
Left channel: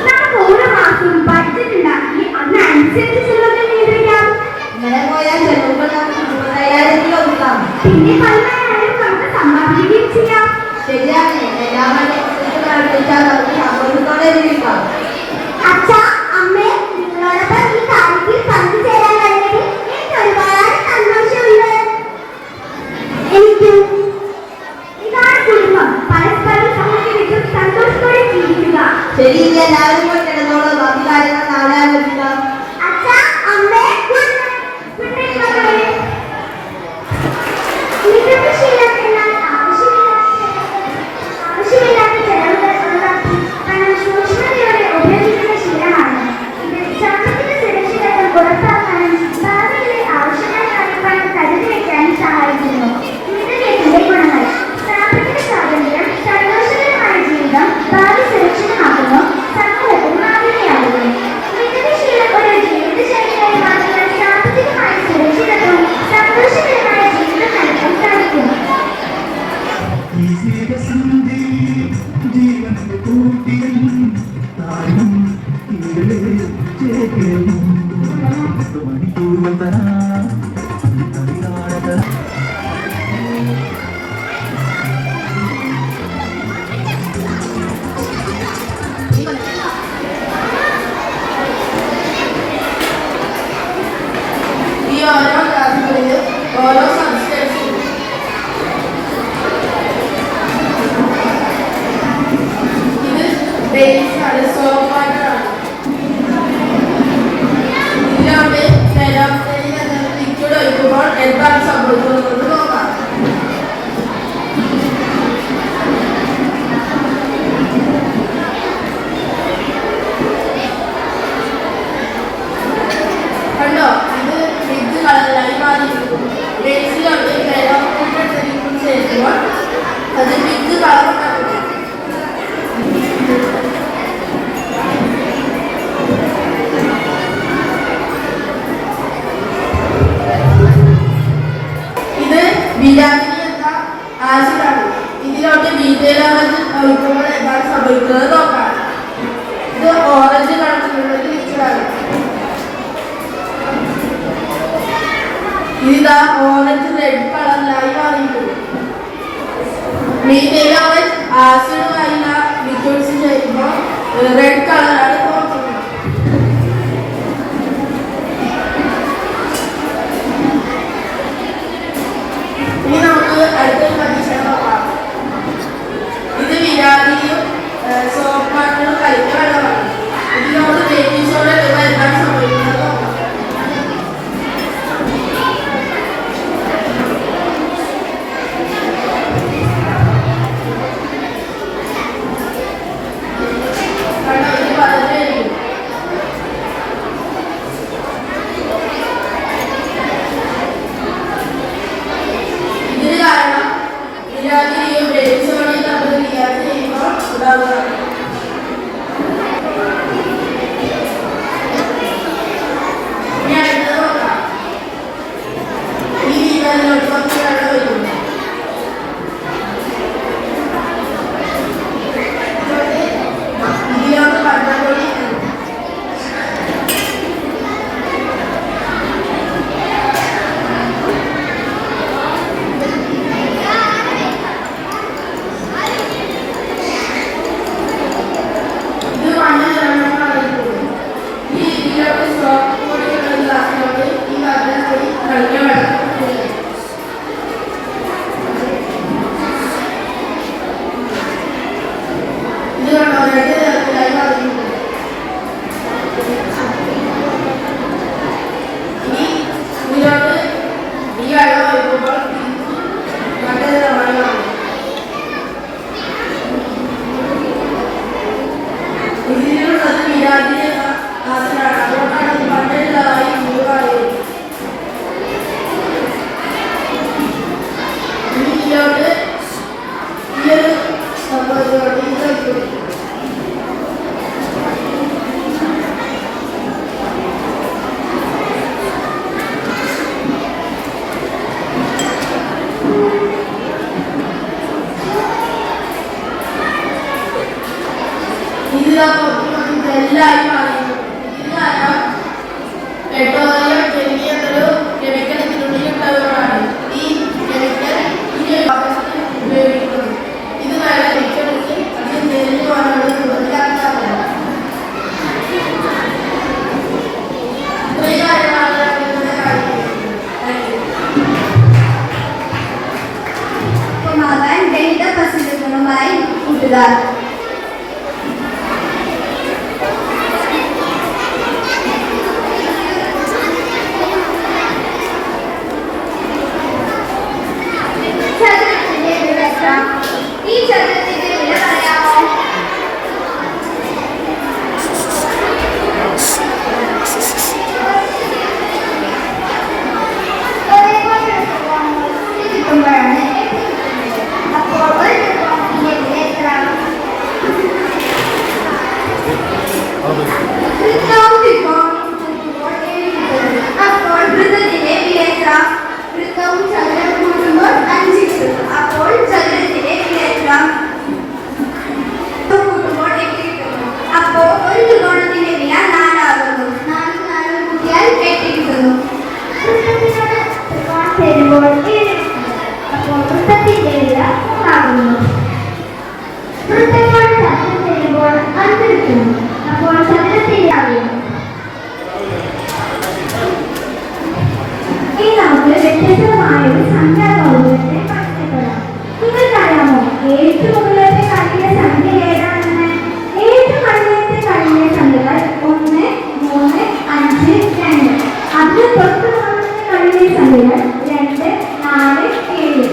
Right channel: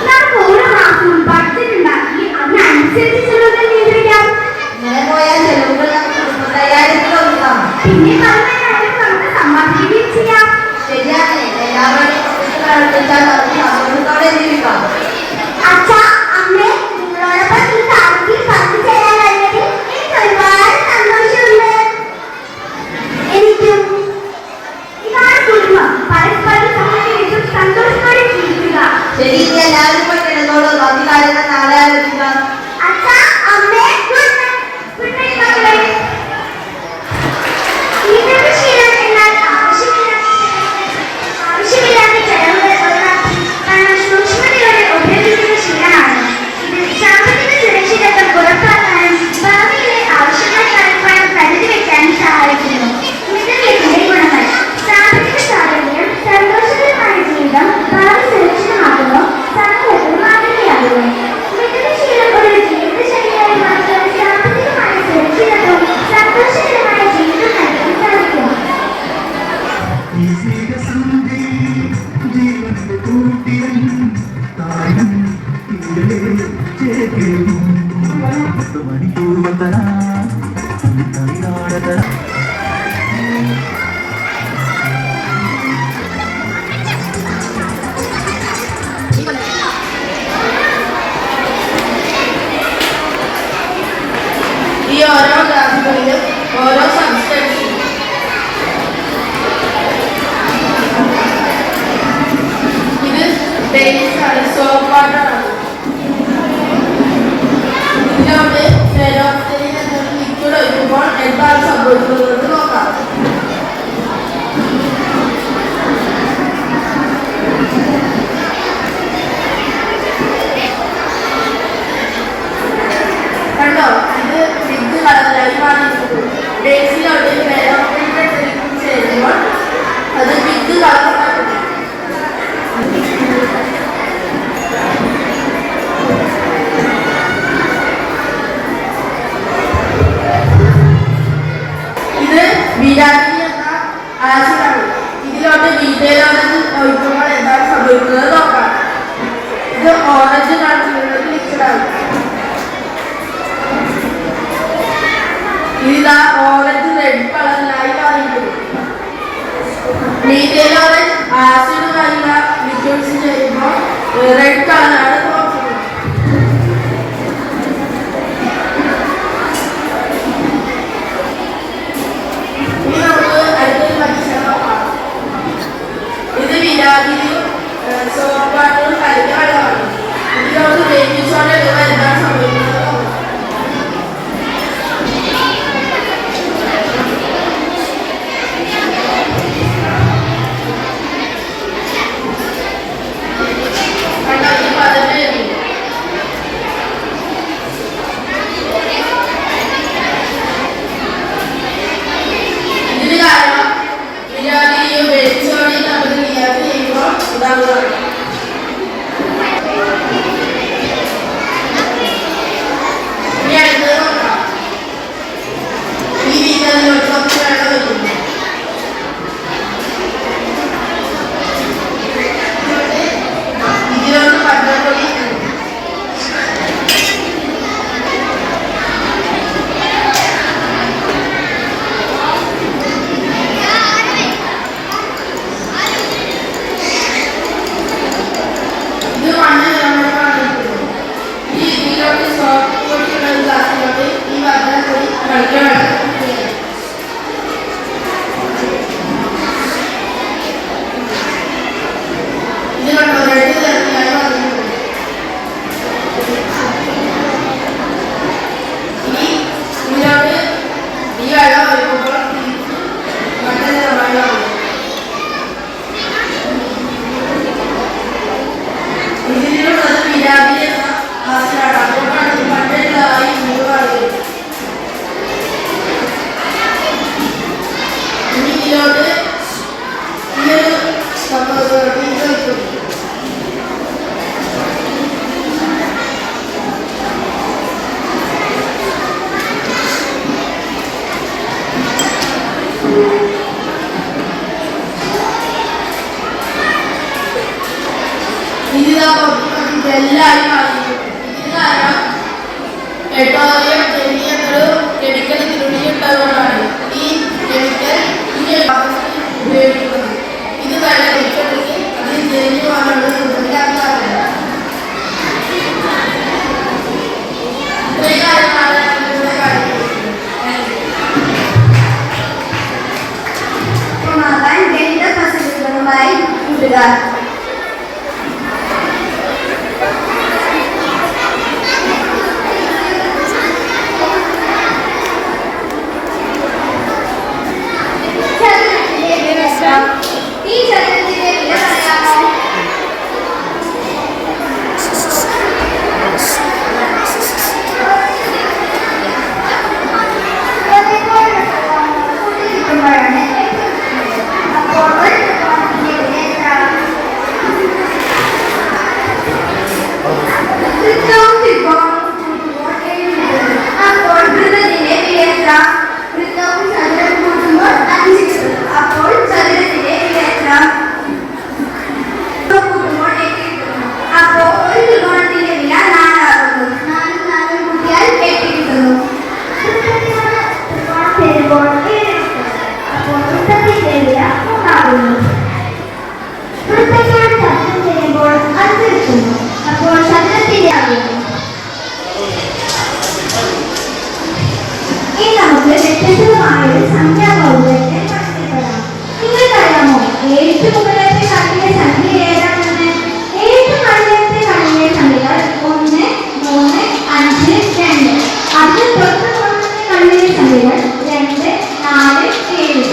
നമുക്ക് ഓരോ മാസവും ബഡ്ജറ്റ് ഉണ്ടാക്കി അതിനനുസരിച്ച് ചിലവുകൾ നിയന്ത്രിക്കാം. ഇങ്ങനെ പോയാൽ ചിലവുകൾ നമുക്ക് 30,000-ൽ ഒതുക്കാം. പിന്നെ പല കാര്യങ്ങളും നമുക്ക് സമ്പാദിക്കുകയും ചെയ്യാം. ശരിയാണ്. എല്ലാവരെയും ഒന്നിച്ച് പ്രവർത്തിച്ചാൽ നമുക്ക് സന്തോഷത്തോടെ ജീവിക്കാം. അച്ഛാ, അമ്മേ, നിങ്ങളോടൊപ്പം ഈ കാര്യത്തിൽ പങ്കുചേരാൻ കഴിഞ്ഞതിൽ എനിക്ക് ഒരുപാട് സന്തോഷമുണ്ട്. എനിക്കും. ഇതാണ് കുടുംബം. പരസ്പരം സഹകരിച്ചും സന്തോഷത്തോടെ ജീവിക്കുക. ശരി, ഇനി എല്ലാവരും പോയി കിടന്നോളൂ. ബാക്കി കാര്യങ്ങൾ നാളെ ആലോചിക്കാം. അച്ഛാ, അമ്മേ, ഗുഡ് നൈറ്റ് മക്കളെ. ഇന്നത്തെ ശീലം എന്നാൽ ആവശ്യമില്ലാത്ത ചെലവുകൾ ഒഴിവാക്കി പണം സൂക്ഷ്മതയോടെ ഉപയോഗിക്കുന്ന ശീലമാണ്. ഇത് സാമ്പത്തിക സുരക്ഷിതത്വം ഉറപ്പാക്കാനും ഭാവിയിലെ ആവശ്യങ്ങൾക്കായി പണം കരുതി വയ്ക്കാനും സഹായിക്കുന്നു. മിതവ്യയത്തിന്റെ ഗുണങ്ങൾ. സാമ്പത്തിക സ്വാതന്ത്ര്യം, സന്തോഷകരമായ ജീവിതം, ഭാവി സുരക്ഷിതമാകുന്നു, സമൂഹവും മാതൃകയാകുന്നു. മിതവ്യയശീലം ഒരു ജീവിതശൈലിയായി മാറ്റുവാൻ സാമ്പത്തികമായ സുരക്ഷിതത്വവും സന്തോഷകരമായ ജീവിതം നയിക്കാൻ സാധിക്കുന്നു. ജീവന്റെ കൂട്ടിലും താരം മണിക്കൂർവതന തമിഴ്നാടതന ഈ ഓരോ ഗ്രാഫുകളിലും ഓരോ സബ്സ്റ്റൻസും ഇത് ബേസാണ്, സോപ്പാണ്. ഇതിനോട് സെലോഫെയിൻ എന്ന് പെട്രോളിയം ജനീയങ്ങളും കെമിക്കൽ തുണിയുണ്ടാവുന്നതാണ് ഈ കെമിക്കൽ ഉപയോഗിക്കുന്നത്. ഇത് വെള്ളം വെച്ചെടുത്ത് അതിൽ നെല്ല് വാങ്ങുന്നത് സുഗന്ധാക്കാരല്ല. ഒരു കാര്യമാണ് ഗണിത പ്രസിദ്ധങ്ങളുമായി കൂട്ടുകാർ. ഈ ചതുരത്തിന്റെ വില പറയാമോ? കിട്ടുമ്പോഴാണ് അപ്പോൾ ഒരു ത്രികോണത്തിന്റെ വില എത്ര? അപ്പോൾ വൃത്തത്തിന്റെ വില എത്ര? വൃത്തവും ചതുരം കൂട്ടുമ്പോൾ 5 കിട്ടും. അപ്പോൾ ചതുരത്തിന്റെ വില എത്ര? കൂട്ടുമ്പോൾ 8 കിട്ടും. അപ്പോൾ ഒരു ത്രികോണത്തിന്റെ വില 4 ആകുന്നു. 4 കൂട്ടിയാൽ 8 കിട്ടുന്നു. ത്രികോണം ചേരുമ്പോൾ 7 അപ്പോൾ വൃത്തത്തിന്റെ വില 3 ആകുന്നു. വൃത്തങ്ങൾ ചതുരം ചേരുമ്പോൾ 5 കിട്ടുന്നു. അപ്പോൾ ചതുരത്തിന്റെ ആകുന്നു. ഇനി നമുക്ക് വ്യത്യസ്തമായ ഒരു സംഖ്യാബഹുജത്തെ പരിചയപ്പെടാം. നിങ്ങൾക്കറിയാമോ 7 മുതലത്തെ കണിയിലെ സംഖ്യ ഏതാണെന്ന്? 7 മുതലത്തെ കണിയിലെ സംഖ്യകൾ 1, 3, 5, 2. അതിന് തൊട്ട് മുകളിലത്തെ കണിയിലെ സംഖ്യകൾ 2, 4, 7.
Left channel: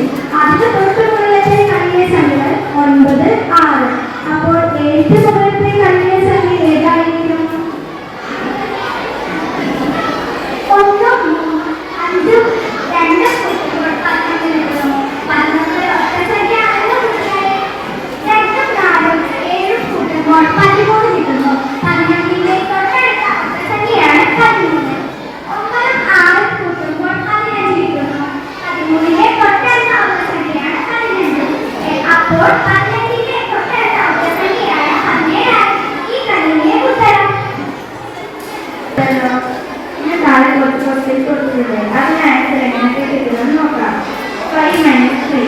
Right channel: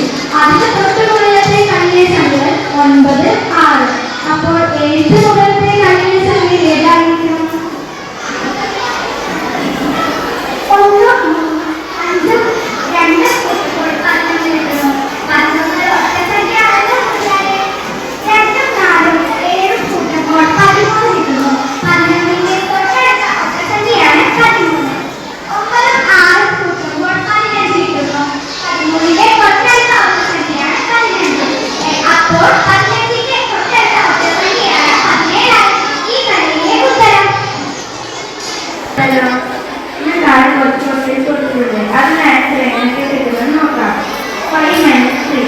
അതിന് തൊട്ട് മുകളിലത്തെ കണിയിലെ സംഖ്യകൾ 9, 6. അപ്പോൾ 7 മുതലത്തെ കണിയിലെ സംഖ്യ ഏതായിരിക്കും? 1, 3, 5, 2 കൂട്ടുമ്പോൾ 15 കിട്ടുന്നു. 11 ഒറ്റ സംഖ്യയാണല്ലോ മനസ്സിലായേ. 2, 4, 7 കൂട്ടുമ്പോൾ 13 കിട്ടുന്നു. 11ന്റെ തൊട്ടടുത്ത ഒറ്റ സംഖ്യയാണ് 13. 9, 6 കൂട്ടുമ്പോൾ 15 കിട്ടുന്നു. 13ന്റെ തൊട്ടടുത്ത ഒറ്റ സംഖ്യയാണ് 15. അപ്പോൾ 15ന്റെ തൊട്ടടുത്ത ഒറ്റ സംഖ്യയാണ് 17. ഈ കണിയിലെ ഉത്തരം. ഞാൻ താഴെ കുറച്ച് ക്വസ്റ്റ്യൻസ് കൊടുത്തിട്ടുണ്ട്. അതിന് ആൻസർ എങ്ങനെയൊക്കെ കിട്ടുമെന്ന് നോക്കാം. 5 - 3.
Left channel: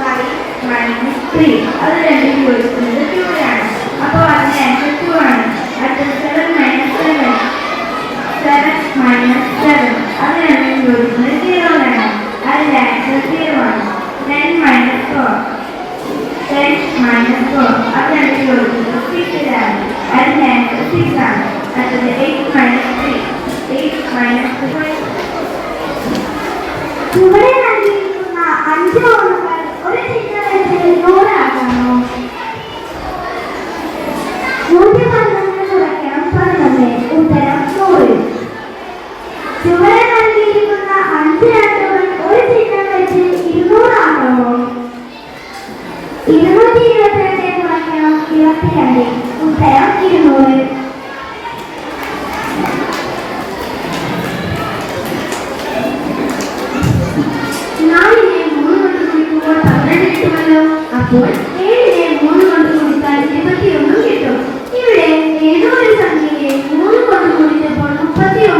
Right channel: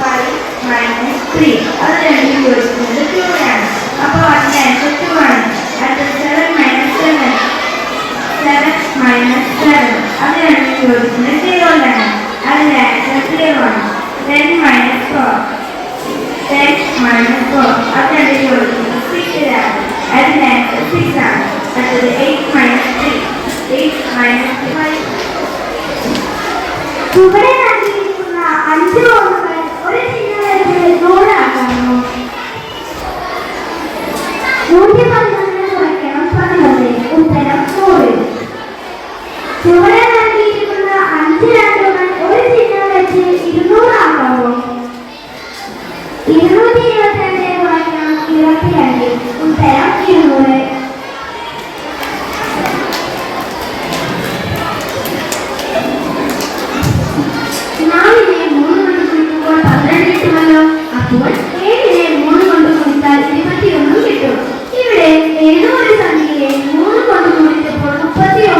5 - 3 അത് രണ്ടും ചോദിക്കുന്നത് 2 ആണ്. അപ്പോൾ അതിന്റെ ആൻസർ 2 ആണ്. അടുത്തത് 7 - 7. 7 - 7 അത് രണ്ടും ചോദിക്കുന്നത് 0 ആണ്. അതിന്റെ ആൻസർ 0 ആണ്. 10 - 4. 10 - 4 അത് രണ്ടും ചോദിക്കുന്നത് 6 ആണ്. അതിന്റെ ആൻസർ 6 ആണ്. അടുത്തത് 8 - 3. 8 - 5. ചുവടെ നൽകിയിരിക്കുന്ന 5 ഓണുകൾ ഒരു ചിഹ്നം വെച്ച് 100 ആക്കാമോ? 112 കുറയ്ക്കണം 11. ഉത്തരം 100. ചുവടെ നൽകിയിരിക്കുന്ന 5 രണ്ടുകൾ ഒരു ചിഹ്നം വെച്ച് 200 ആക്കാമോ? 222 കുറയ്ക്കണം 22. ഉത്തരം 200. 4നെ 3 കൊണ്ട് ഗുണിക്കുമ്പോൾ 12 കിട്ടുമല്ലോ. അപ്പോൾ 7നെ 3 കൊണ്ട് ഗുണിച്ചാൽ 21 കിട്ടും. ഇവിടെ ഏതോ ഒരു സംഖ്യയെ 3 കൊണ്ട് ഗുണിച്ചപ്പോൾ 31